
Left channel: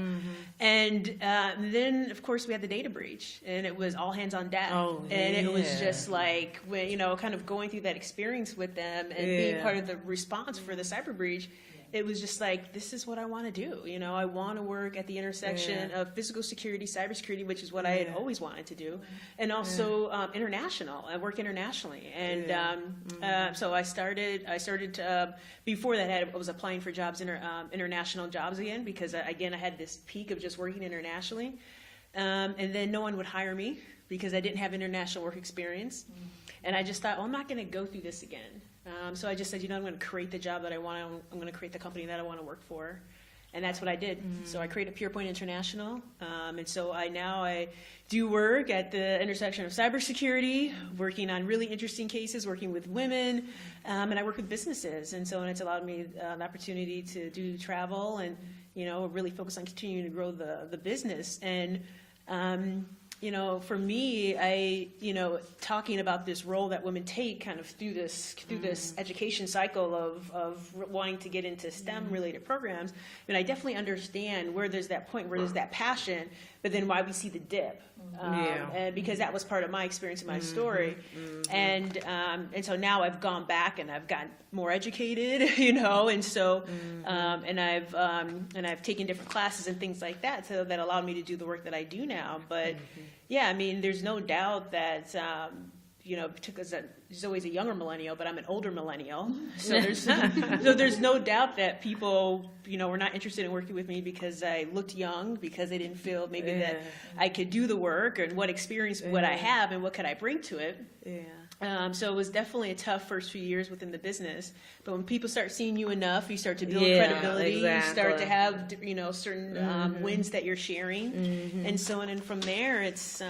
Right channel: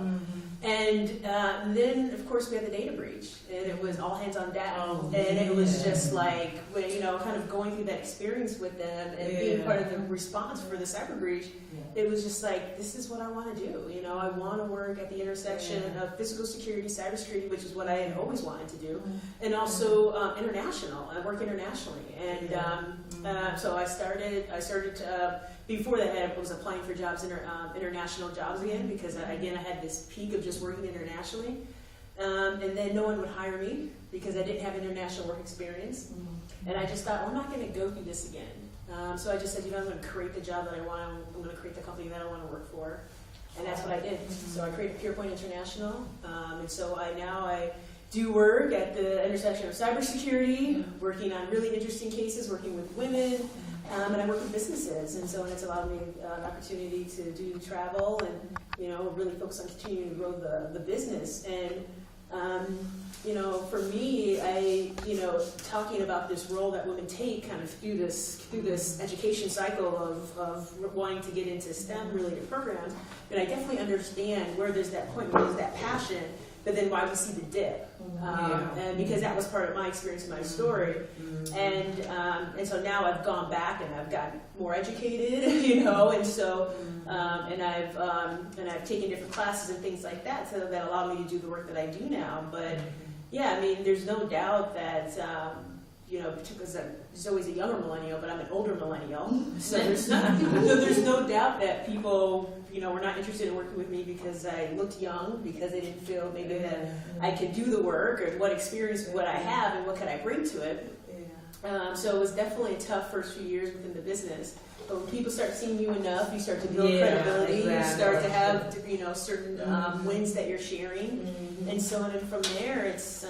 And then, of course, we had the data breach, and it was all hands on deck. And it was just like, kind of going through that experience with them and being part of the response for the cyber breach. It was just like, this is what I want to do. I want to work at the intersection of physical security, cybersecurity, which is what I had always wanted to do, and also international. I work internationally, and so I started before that I was applying for jobs, international jobs again, because again I had this peak of just working internationally, and then no one would hire me because I didn't have international work experience, and I just thought, well, I'm not going to go through this again. So I just said, I'm going to create the job that I want. I'm going to create the company that I want to work for. And that's what I did. So I created PurePoint International. And so I do work at the intersection of cybersecurity, working on really interesting cases, working with women, and I work with businesses. And so it's allowed me an opportunity to do travel and, really focus on continuing to grow the business. And for me, talking about this role that women take kind of through this education cycle of wanting to get into STEM-related programs, I definitely understand where there's that point, where there's that passion, but then why we see the dip. And because that was part of my experience, my story. And so now I've gone back and I've gotten more educated, and so and I've taken different classes and things like that, so that allowed me to do the work that I do now. But there's no doubt that because there's always a younger millennial, but I'm an older millennial, so there's no doubt that people were not interested in working with me because I looked young, because they didn't feel maybe that I could do the work, or what experience would I have and what could I bring to it. So it was definitely a tough first few years within the business. But when people start seeing you enough, you start to build Yeah, credibility. You start to exactly. have, certain Mhm. wins that you're sharing, Mhm. and so and from there, it's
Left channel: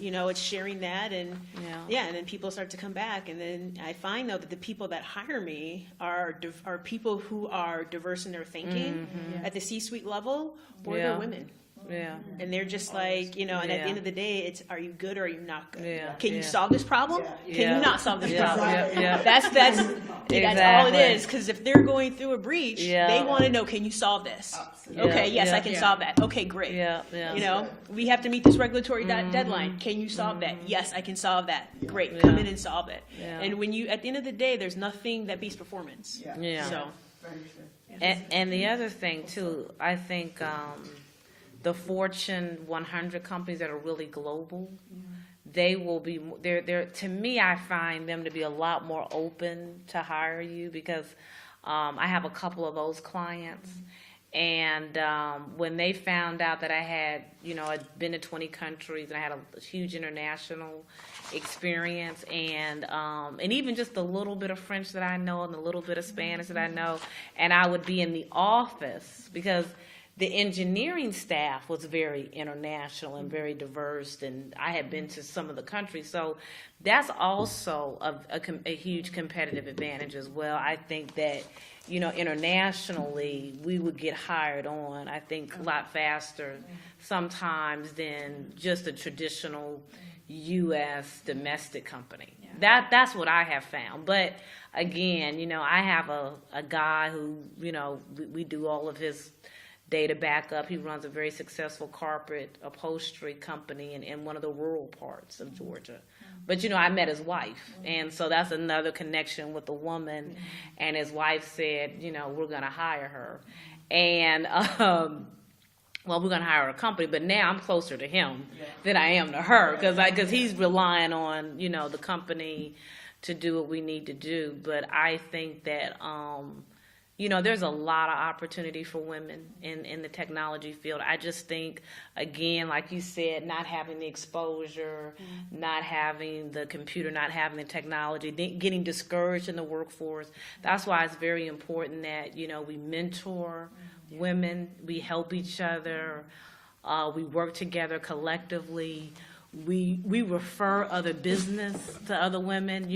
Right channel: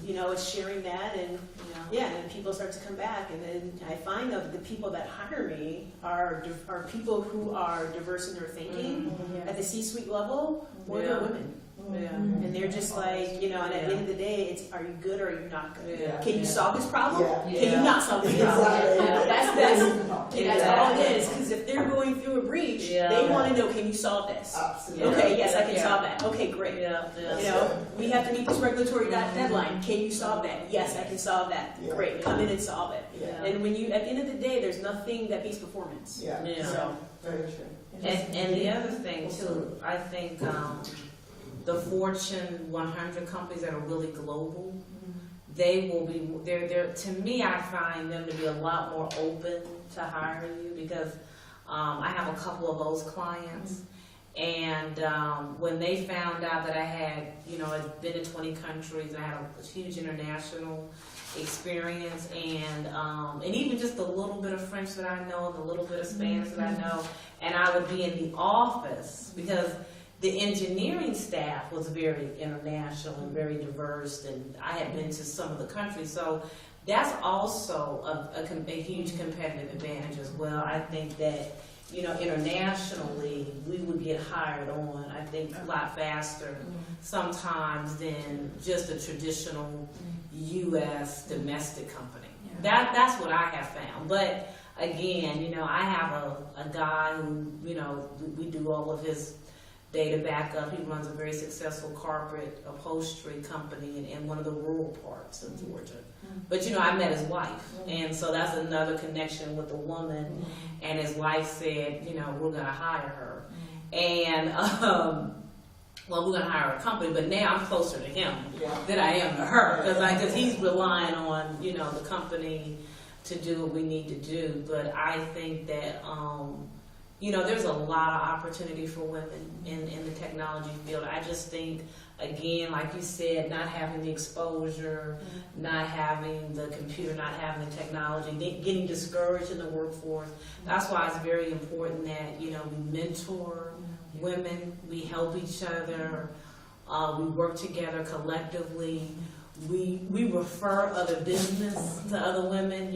it's sharing that, and Yeah. and then people start to come back, and then I find though that the people that hire me are people who are diverse in their thinking Mhm. at the C-suite level, or Yeah. they're women. Yeah. And they're just like, and at the end of the day, it's, are you good or are you not good? Yeah. Can you Yeah. solve this problem? Yeah. Can you not solve this Yeah. problem? Yeah. That's that's all Exactly. it is. Because if they're going through a breach, Yeah. they want to know, can you solve this? Absolutely. Okay, yes, I Yeah. can Yeah. solve that. Okay, great. Yeah. We have to meet this regulatory Mhm. deadline. Can you solve that? Yes, I can solve that. Yeah. Great, come in and solve it. Yeah. And when you, at the end of the day, there's nothing that beats performance. Yeah. Yeah. So, Very true. And the other thing too, I think the Fortune 100 companies that are really global, they will be, they're, to me, I find them to be a lot more open to hiring you because I have a couple of those clients. And when they found out that I had, I'd been to 20 countries and I had a huge international experience and even just a little bit of French that I know and a little bit of Spanish that I know, and I would be in the office because the engineering staff was very international and very diverse, and I had been to some of the countries, so that's also a huge competitive advantage as well. I think that internationally we would get hired on, I think, a lot faster sometimes than just a traditional U.S. domestic company. That's what I have found. But again, I have a guy who, we do all of his data backup. He runs a very successful carpet upholstery company in one of the rural parts of Georgia. But I met his wife, and so that's another connection with a woman. And his wife said, we're going to hire her, and we're going to hire a company. But now I'm closer to him than I am to her because he's relying on the company to do what we need to do. But I think that there's a lot of opportunity for women in the technology field. I just think, again, like you said, not having the exposure, not having the computer, not having the technology, getting discouraged in the workforce. That's why it's very important that, we mentor women, we help each other, we work together collectively, we refer other business to other women.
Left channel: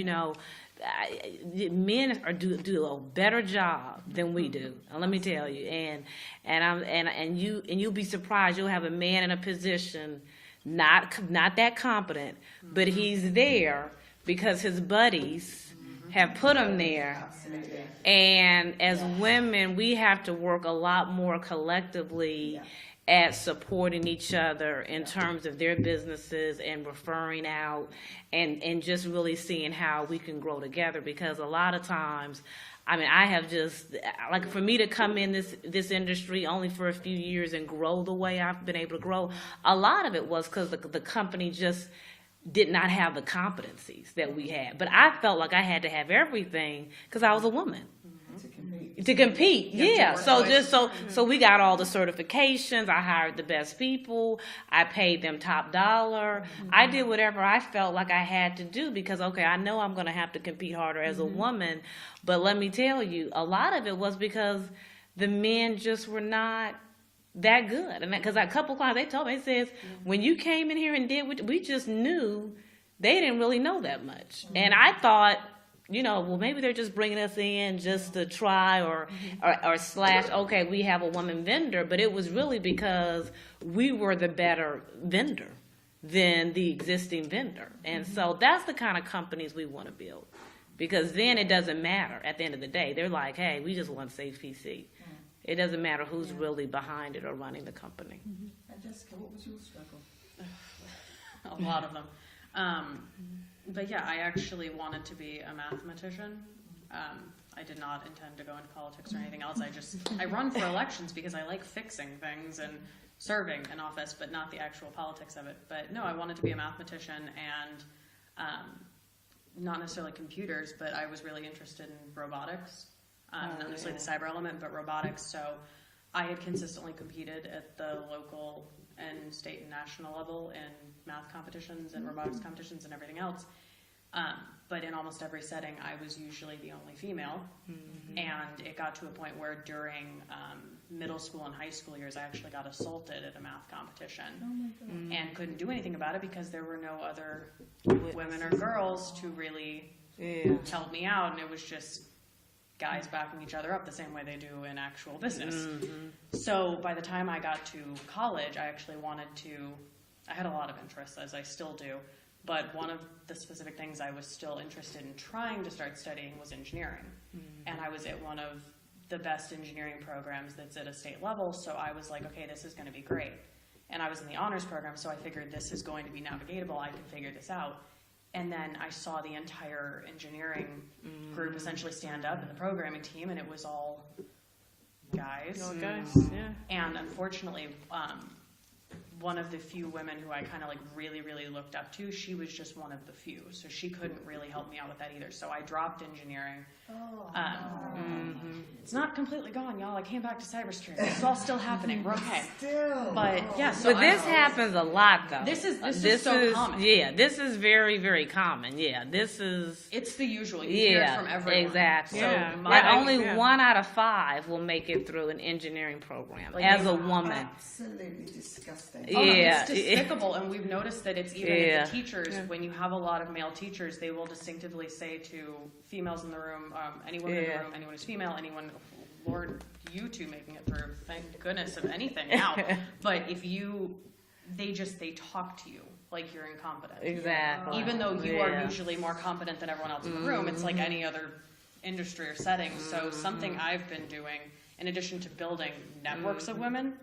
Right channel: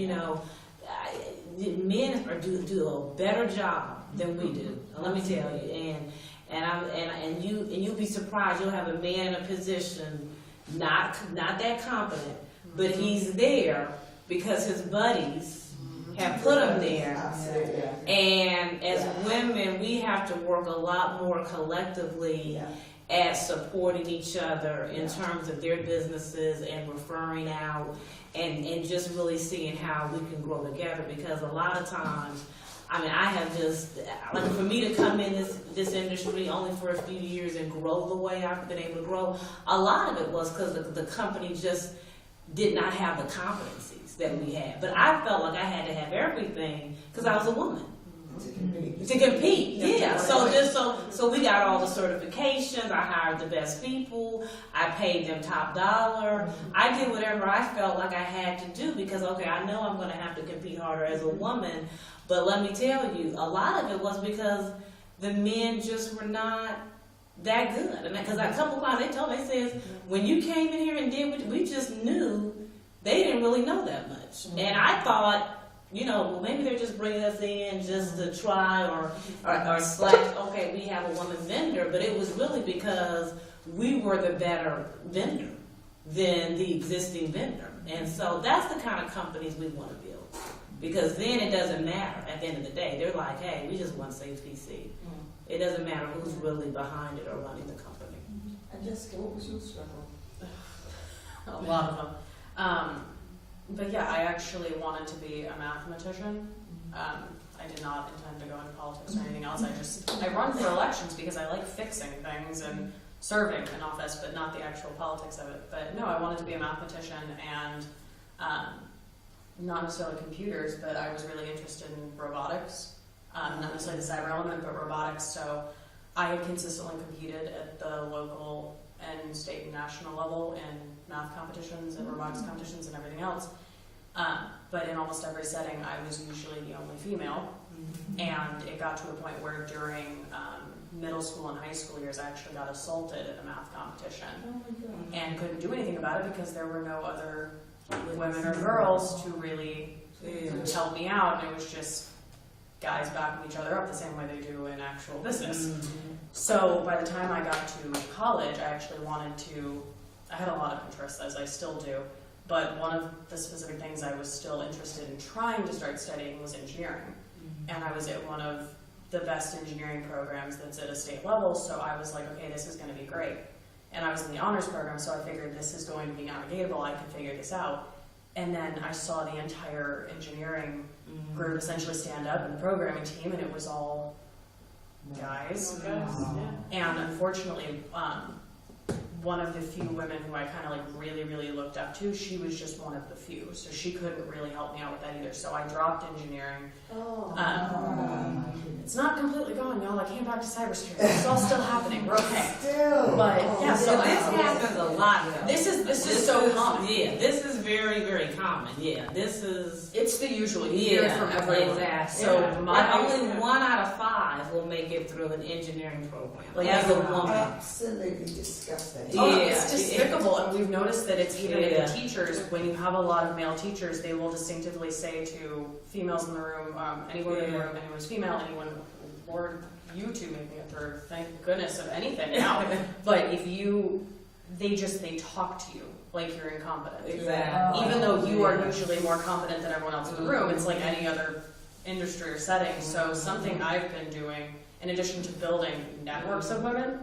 Men do a better job than we do. And let me tell you, and you'll be surprised. You'll have a man in a position not that competent, but he's there because his buddies have put him there. Absolutely. And as women, we have to work a lot more collectively at supporting each other in terms of their businesses and referring out and just really seeing how we can grow together, because a lot of times, I have just, like, for me to come in this industry only for a few years and grow the way I've been able to grow, a lot of it was because the company just did not have the competencies that we had. But I felt like I had to have everything because I was a woman. To compete, yeah. So we got all the certifications. I hired the best people. I paid them top dollar. I did whatever I felt like I had to do because, okay, I know I'm going to have to compete harder as a woman. But let me tell you, a lot of it was because the men just were not that good. And because a couple of times they told me, it says, when you came in here and did what we just knew, they didn't really know that much. And I thought, well, maybe they're just bringing us in just to try or slash, okay, we have a woman vendor. But it was really because we were the better vendor than the existing vendor. And so that's the kind of companies we want to build. Because then it doesn't matter at the end of the day. They're like, hey, we just want safe PC. It doesn't matter who's really behind it or running the company. And Jessica, what was your struggle? A lot of them. But yeah, I actually wanted to be a mathematician. I did not intend to go into politics or anything else. I run for elections because I like fixing things and serving in office, but not the actual politics of it. But no, I wanted to be a mathematician and not necessarily computers, but I was really interested in robotics. Not necessarily the cyber element, but robotics. So I had consistently competed at the local and state and national level in math competitions and robotics competitions and everything else. but in almost every setting, I was usually the only female. And it got to a point where during middle school and high school years, I actually got assaulted in a math competition and couldn't do anything about it because there were no other women or girls to really help me out. And it was just guys backing each other up the same way they do in actual business. So by the time I got to college, I actually I had a lot of interests, as I still do, but one of the specific things I was still interested in trying to start studying was engineering. And I was at one of the best engineering programs that's at a state level, so I was like, okay, this is going to be great. And I was in the honors program, so I figured this is going to be navigatable, I can figure this out. And then I saw the entire engineering group essentially stand up in the programming team, and it was all guys. And unfortunately, one of the few women who I kind of like really, really looked up to, she was just one of the few, so she couldn't really help me out with that either. So I dropped engineering. It's not completely gone, y'all. I came back to cybersecurity. It's all still happening. We're okay. Still. But yeah, so But this happens a lot, though. This is so common. Yeah, this is very, very common. Yeah, this is. It's the usual. You hear it from everyone. Exactly. Yeah. So not only 1 out of 5 will make it through an engineering program as a woman. Absolutely disgusting. Yeah. It's despicable, and we've noticed that it's even with the teachers. When you have a lot of male teachers, they will distinctively say to females in the room, any woman in the room, anyone who's female, anyone, Lord, you two making it through, thank goodness of anything now. But if they talk to you like you're incompetent. Exactly. Even though you are usually more competent than everyone else in the room, it's like any other industry or setting. So something I've been doing, in addition to building networks of women,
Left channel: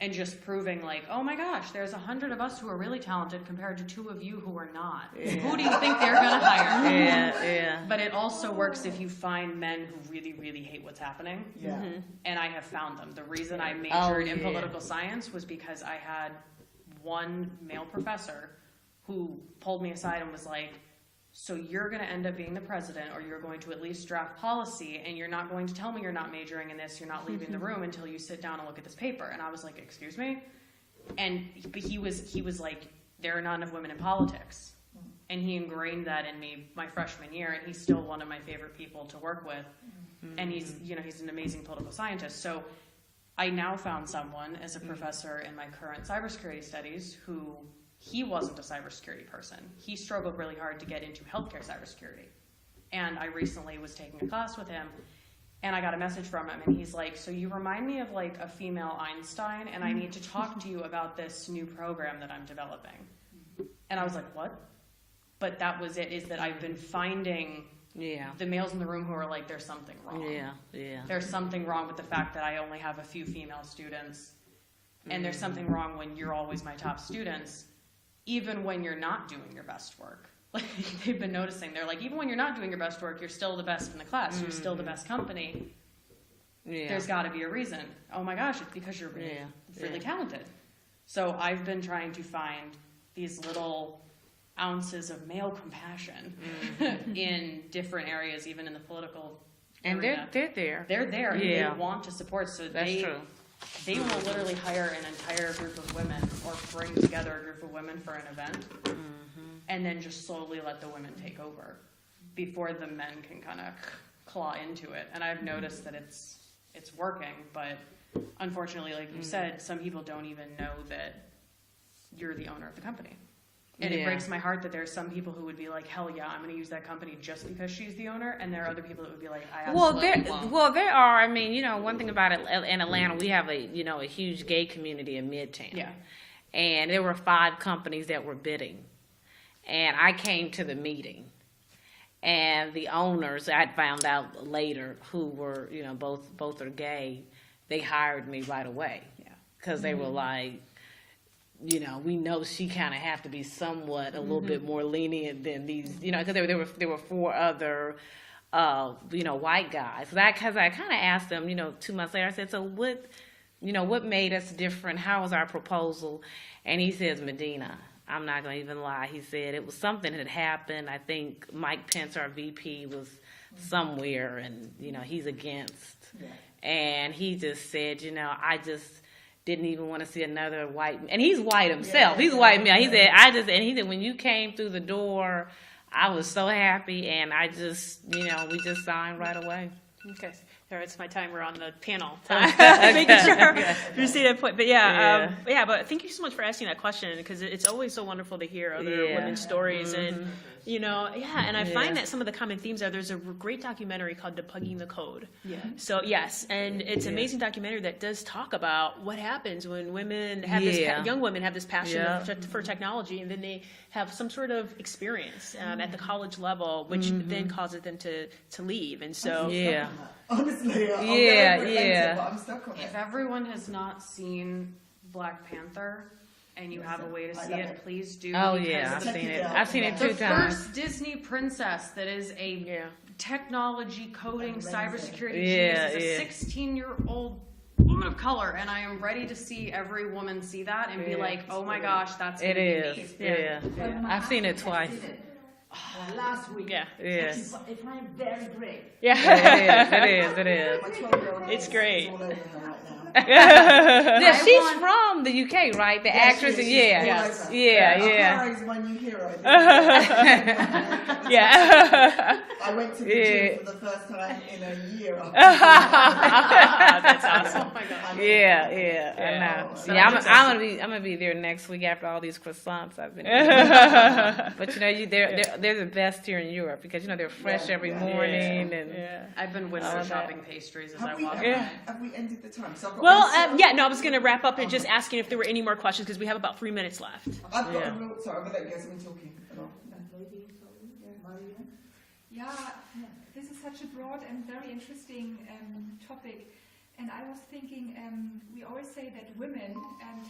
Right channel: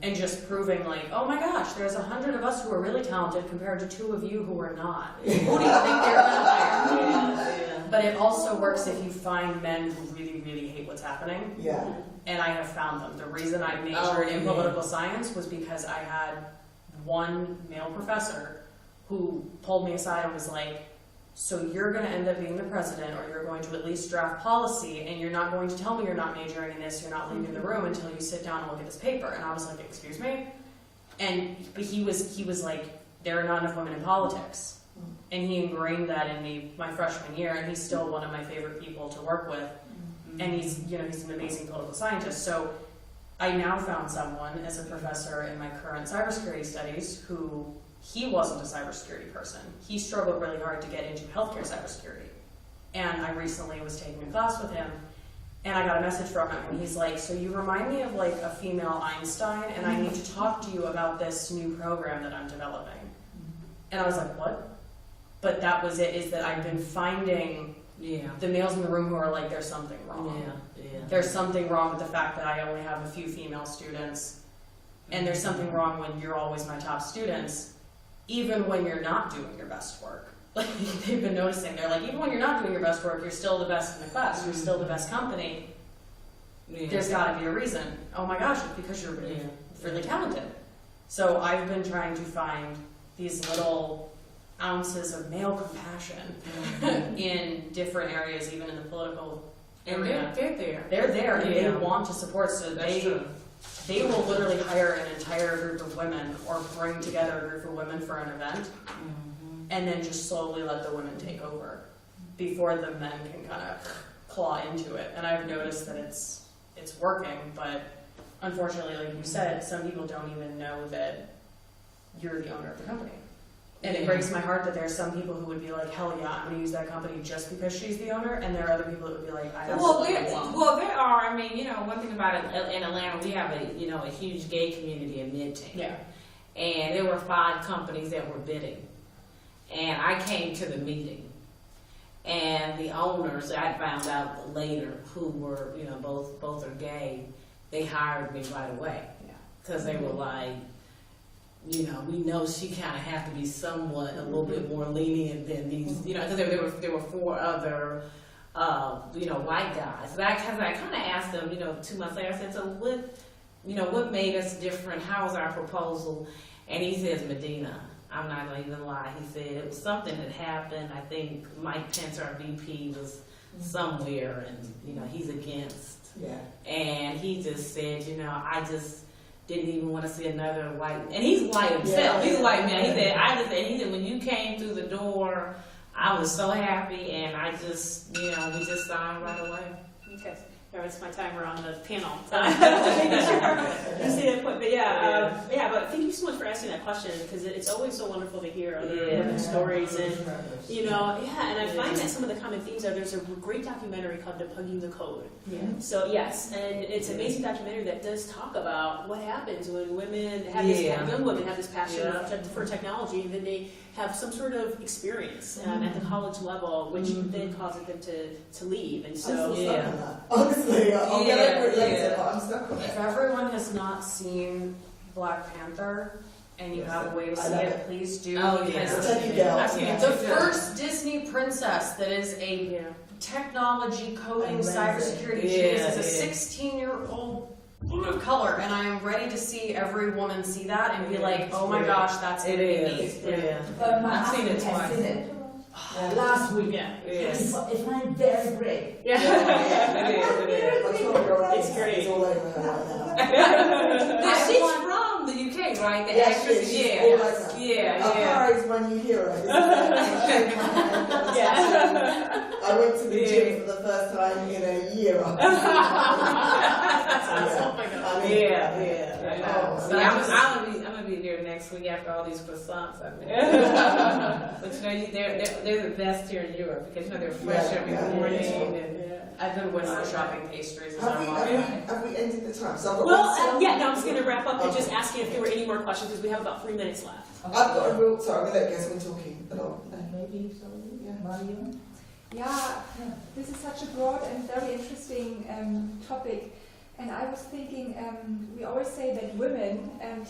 and just proving like, oh my gosh, there's 100 of us who are really talented compared to 2 of you who are not. Who do you think they're gonna hire? But it also works if you find men who really, really hate what's happening. Yeah. And I have found them. The reason I majored in political science was because I had one male professor who pulled me aside and was like, so you're going to end up being the president, or you're going to at least draft policy, and you're not going to tell me you're not majoring in this, you're not leaving the room until you sit down and look at this paper. And I was like, excuse me? And he was like, there are none of women in politics. And he ingrained that in me my freshman year, and he's still one of my favorite people to work with. And he's an amazing political scientist. So I now found someone as a professor in my current cybersecurity studies who, he wasn't a cybersecurity person. He struggled really hard to get into healthcare cybersecurity. And I recently was taking a class with him, and I got a message from him, and he's like, so you remind me of like a female Einstein, and I need to talk to you about this new program that I'm developing. And I was like, what? But that was it, is that I've been finding the males in the room who are like, there's something wrong. There's something wrong with the fact that I only have a few female students, and there's something wrong when you're always my top students, even when you're not doing your best work. Like, they've been noticing, they're like, even when you're not doing your best work, you're still the best in the class, you're still the best company. There's gotta be a reason. Oh my gosh, it's because you're really talented. So I've been trying to find these little ounces of male compassion in different areas, even in the political arena. They're there. They're there, and they want to support, so they will literally hire an entire group of women, or bring together a group of women for an event, and then just slowly let the women take over before the men can kind of claw into it. And I've noticed that it's working, but unfortunately, like you said, some people don't even know that you're the owner of the company. And it breaks my heart that there are some people who would be like, hell yeah, I'm going to use that company just because she's the owner, and there are other people that would be like, I absolutely won't. Well, there are. I mean, one thing about it, in Atlanta, we have a huge gay community in Midtown. Yeah. And there were 5 companies that were bidding. And I came to the meeting. And the owners, I found out later, who were, both are gay, they hired me right away. Because they were like, we know she kind of has to be somewhat a little bit more lenient than these, because there were 4 other, white guys. Because I kind of asked them, 2 months later, I said, so what made us different? How was our proposal? And he says, Medina, I'm not going to even lie. He said it was something that happened. I think Mike Pence, our VP, was somewhere, and, he's against. And he just said, I just didn't even want to see another white, and he's white himself. He's a white man. He said, and he said, when you came through the door, I was so happy, and I just, we just signed right away. Okay. There's my timer on the panel. Making sure you see that point. But but thank you so much for asking that question, because it's always so wonderful to hear other women's stories. And, and I find that some of the common themes there's a great documentary called Debugging the Code. Yeah. So, yes, and it's an amazing documentary that does talk about what happens when women have this, young women have this passion for technology, and then they have some sort of experience at the college level, which then causes them to leave. And so, honestly, I'm stuck on If it. everyone has not seen Black Panther and you have a way to see it, please do. Oh, because yeah. I've seen it The 2 times. first Disney princess that is a technology, coding, cybersecurity Yeah, is a 16-year-old woman of color, and I am ready to see every woman see that and be like, oh my gosh, that's It gonna be is. me. It is. But my I've seen it husband has twice. seen it, last week. yeah. Yes. It's not very brave. Yeah. It is. It's great. All over her right now. Yeah, she's from the UK, right? The actress. she's Yeah. all over. Yeah. Her eyes when you hear it. Yeah. I went to the gym for the first time in a year. Oh my god. Yeah. I know. Yeah, I'm gonna be there next week after all these croissants I've been. But they're the best here in Europe because they're fresh every morning and. I've been window shopping pastries as Have I'm we, walking. have we ended the time? So I've got Well, one I was going to wrap up and just asking if there were any more questions, because we have about 3 minutes left. I've got a real, sorry, I'm going to guess we're talking a lot. Maybe so. Mario? Yeah, this is such a broad and very interesting topic. And I was thinking, we always say that women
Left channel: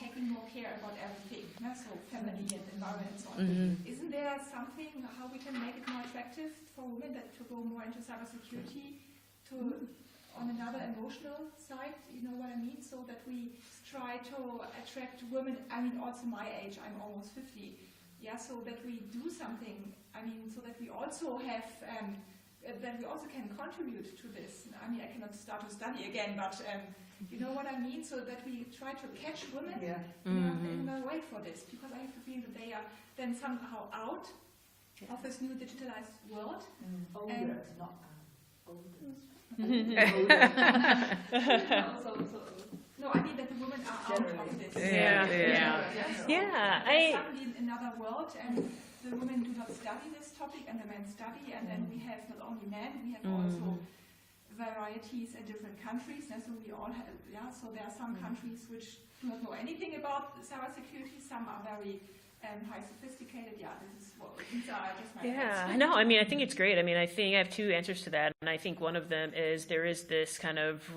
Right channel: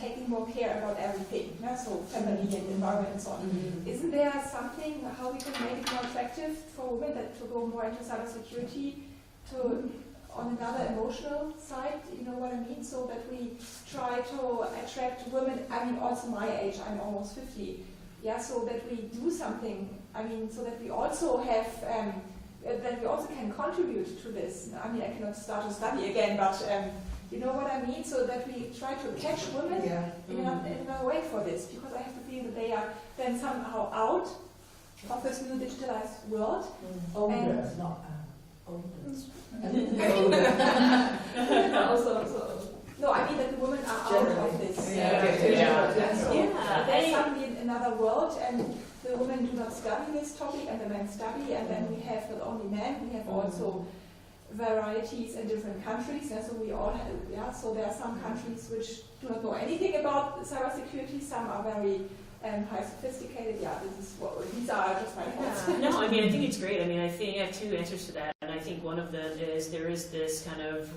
taking more care about everything, so family and environment and so on. Isn't there something how we can make it more attractive for women to go more into cybersecurity, on another emotional side, you know what I mean? So that we try to attract women, also my age, I'm almost 50, so that we do something, so that we also have that we also can contribute to this. I cannot start to study again, but you know what I mean? So that we try to catch women in a way for this, because I have to feel that they are then somehow out of this new digitalized world. Older, not older. No, I mean that the women are out of this. There's suddenly another world, and the women do not study this topic, and the men study, and then we have not only men, we have also varieties in different countries. So we all have, so there are some countries which do not know anything about cybersecurity. Some are very high sophisticated. These are just my thoughts. No, I think it's great. I think I have 2 answers to that, and I think one of them is there is this kind of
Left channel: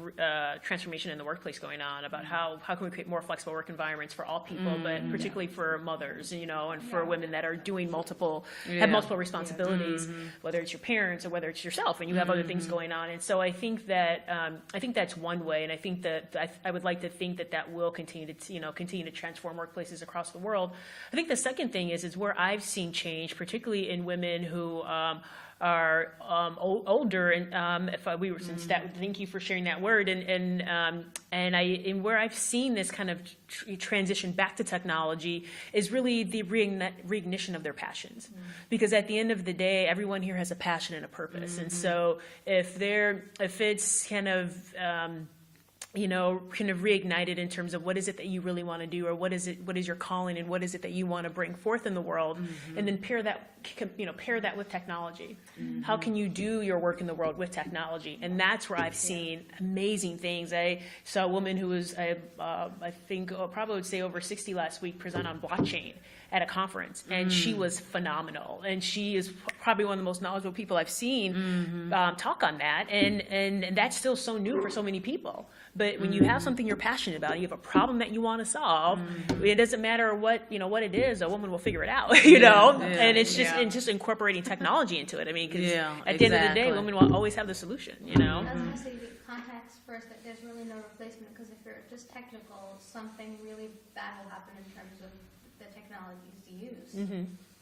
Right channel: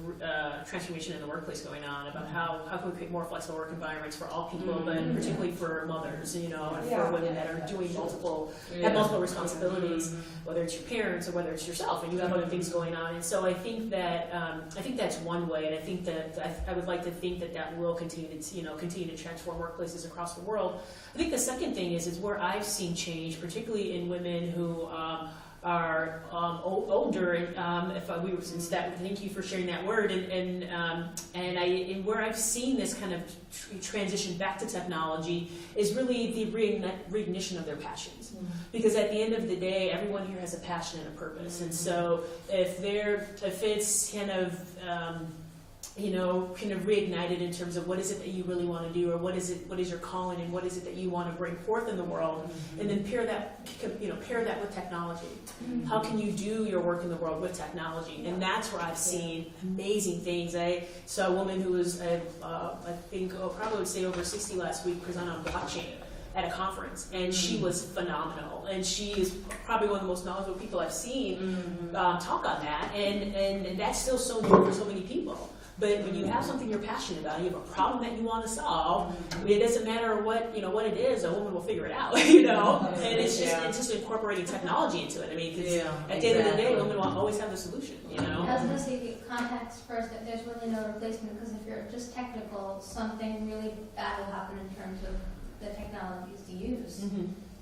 transformation in the workplace going on about how can we create more flexible work environments for all people, but particularly for mothers, and for women that are doing have multiple responsibilities, whether it's your parents or whether it's yourself, and you have other things going on. And so I think that that's one way, and I think that I would like to think that will continue to transform workplaces across the world. I think the second thing is where I've seen change, particularly in women who are older, and if we were since that, thank you for sharing that word, and where I've seen this kind of transition back to technology is really the reignition of their passions, because at the end of the day, everyone here has a passion and a purpose, and so if it's kind of reignited in terms of what is it that you really want to do, or what is your calling, and what is it that you want to bring forth in the world, and then pair that with technology. How can you do your work in the world with technology? And that's where I've seen amazing things. I saw a woman who was, I think, probably would say over 60 last week, present on blockchain at a conference, and she was phenomenal, and she is probably one of the most knowledgeable people I've seen talk on that, and that's still so new for so many people. But when you have something you're passionate about, you have a problem that you want to solve, it doesn't matter what it is, a woman will figure it out, and it's just incorporating technology into it. Because at the end of the day, women will always have the solution, I was going to say, context first, that there's really no replacement, because if you're just technical, something really bad will happen in terms of the technologies to use.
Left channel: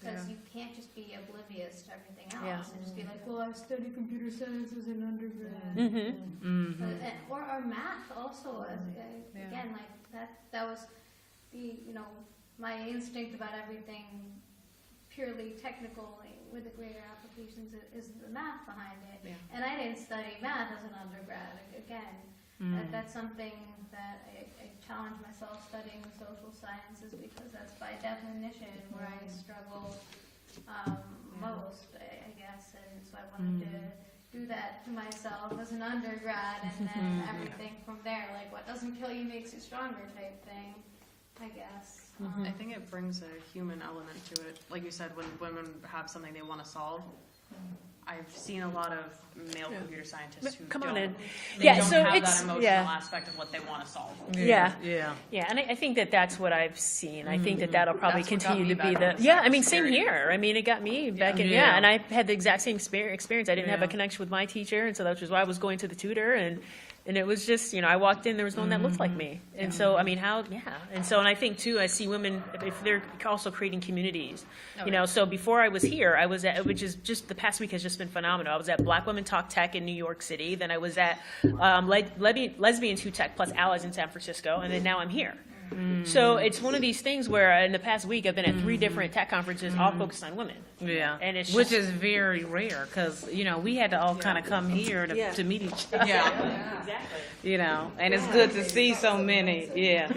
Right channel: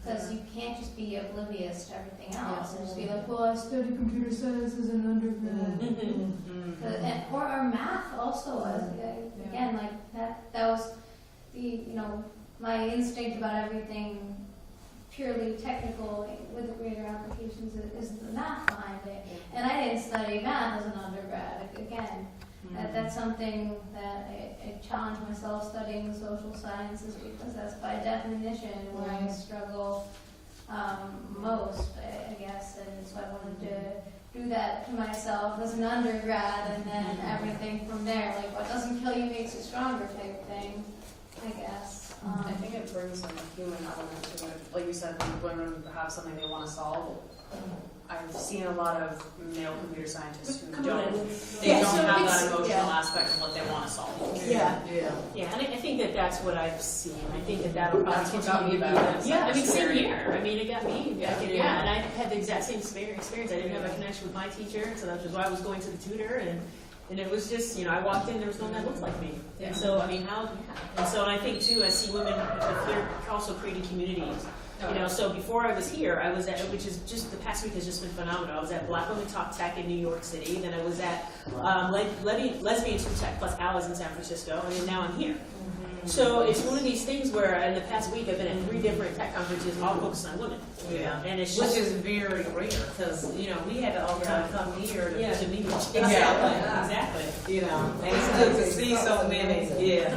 Because you can't just be oblivious to everything else and just be like, well, I studied computer science as an undergrad. Or math also. Again, that was my instinct about everything purely technical with applications is the math behind it. And I didn't study math as an undergrad. Again, that's something that I challenge myself studying the social sciences, because that's by definition where I struggle most, I guess. And so I wanted to do that to myself as an undergrad, and then everything from there, like what doesn't kill you makes you stronger type thing, I guess. I think it brings like a human element to it. Like you said, when women have something they want to solve, I've seen a lot of male computer scientists who Come don't, on in. they Yeah, don't so have it's- that emotional yeah. aspect of what they want to solve. Yeah. Yeah. And I think that that's what I've seen. I think that that'll probably That's what got continue me to be back. the. Yeah, I mean, It's same scary. here. I mean, it got me back in. Yeah, and I had the exact same experience. I didn't have a connection with my teacher, and so that's just why I was going to the tutor, and it was just, I walked in, there was no one that looked like me, and so I mean, and so, and I think too, I see women, if they're also creating communities. So before I was here, I was at, which is just, the past week has just been phenomenal. I was at Black Women Talk Tech in New York City, then I was at Lesbian 2 Tech plus Allies in San Francisco, and then now I'm here. So it's one of these things where in the past week I've been at 3 different tech conferences, all focused on women. Yeah, And it's which just, is very rare, because, we had to all kind of come here to meet each other. exactly. And it's good to see so many. Yeah.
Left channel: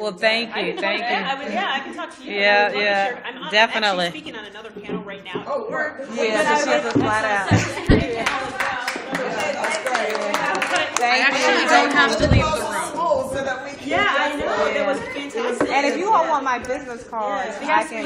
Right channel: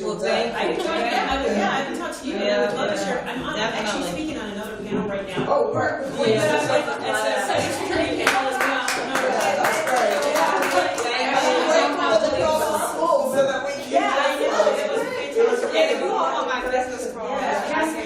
Well, thank you. I can talk to you. Yeah, I'm definitely. actually speaking on another panel right now. Oh, right. Yeah, just let us flat out. Actually, don't have to leave the room. So that we can Yeah, I know. It was fantastic. And if you all want my business card, I can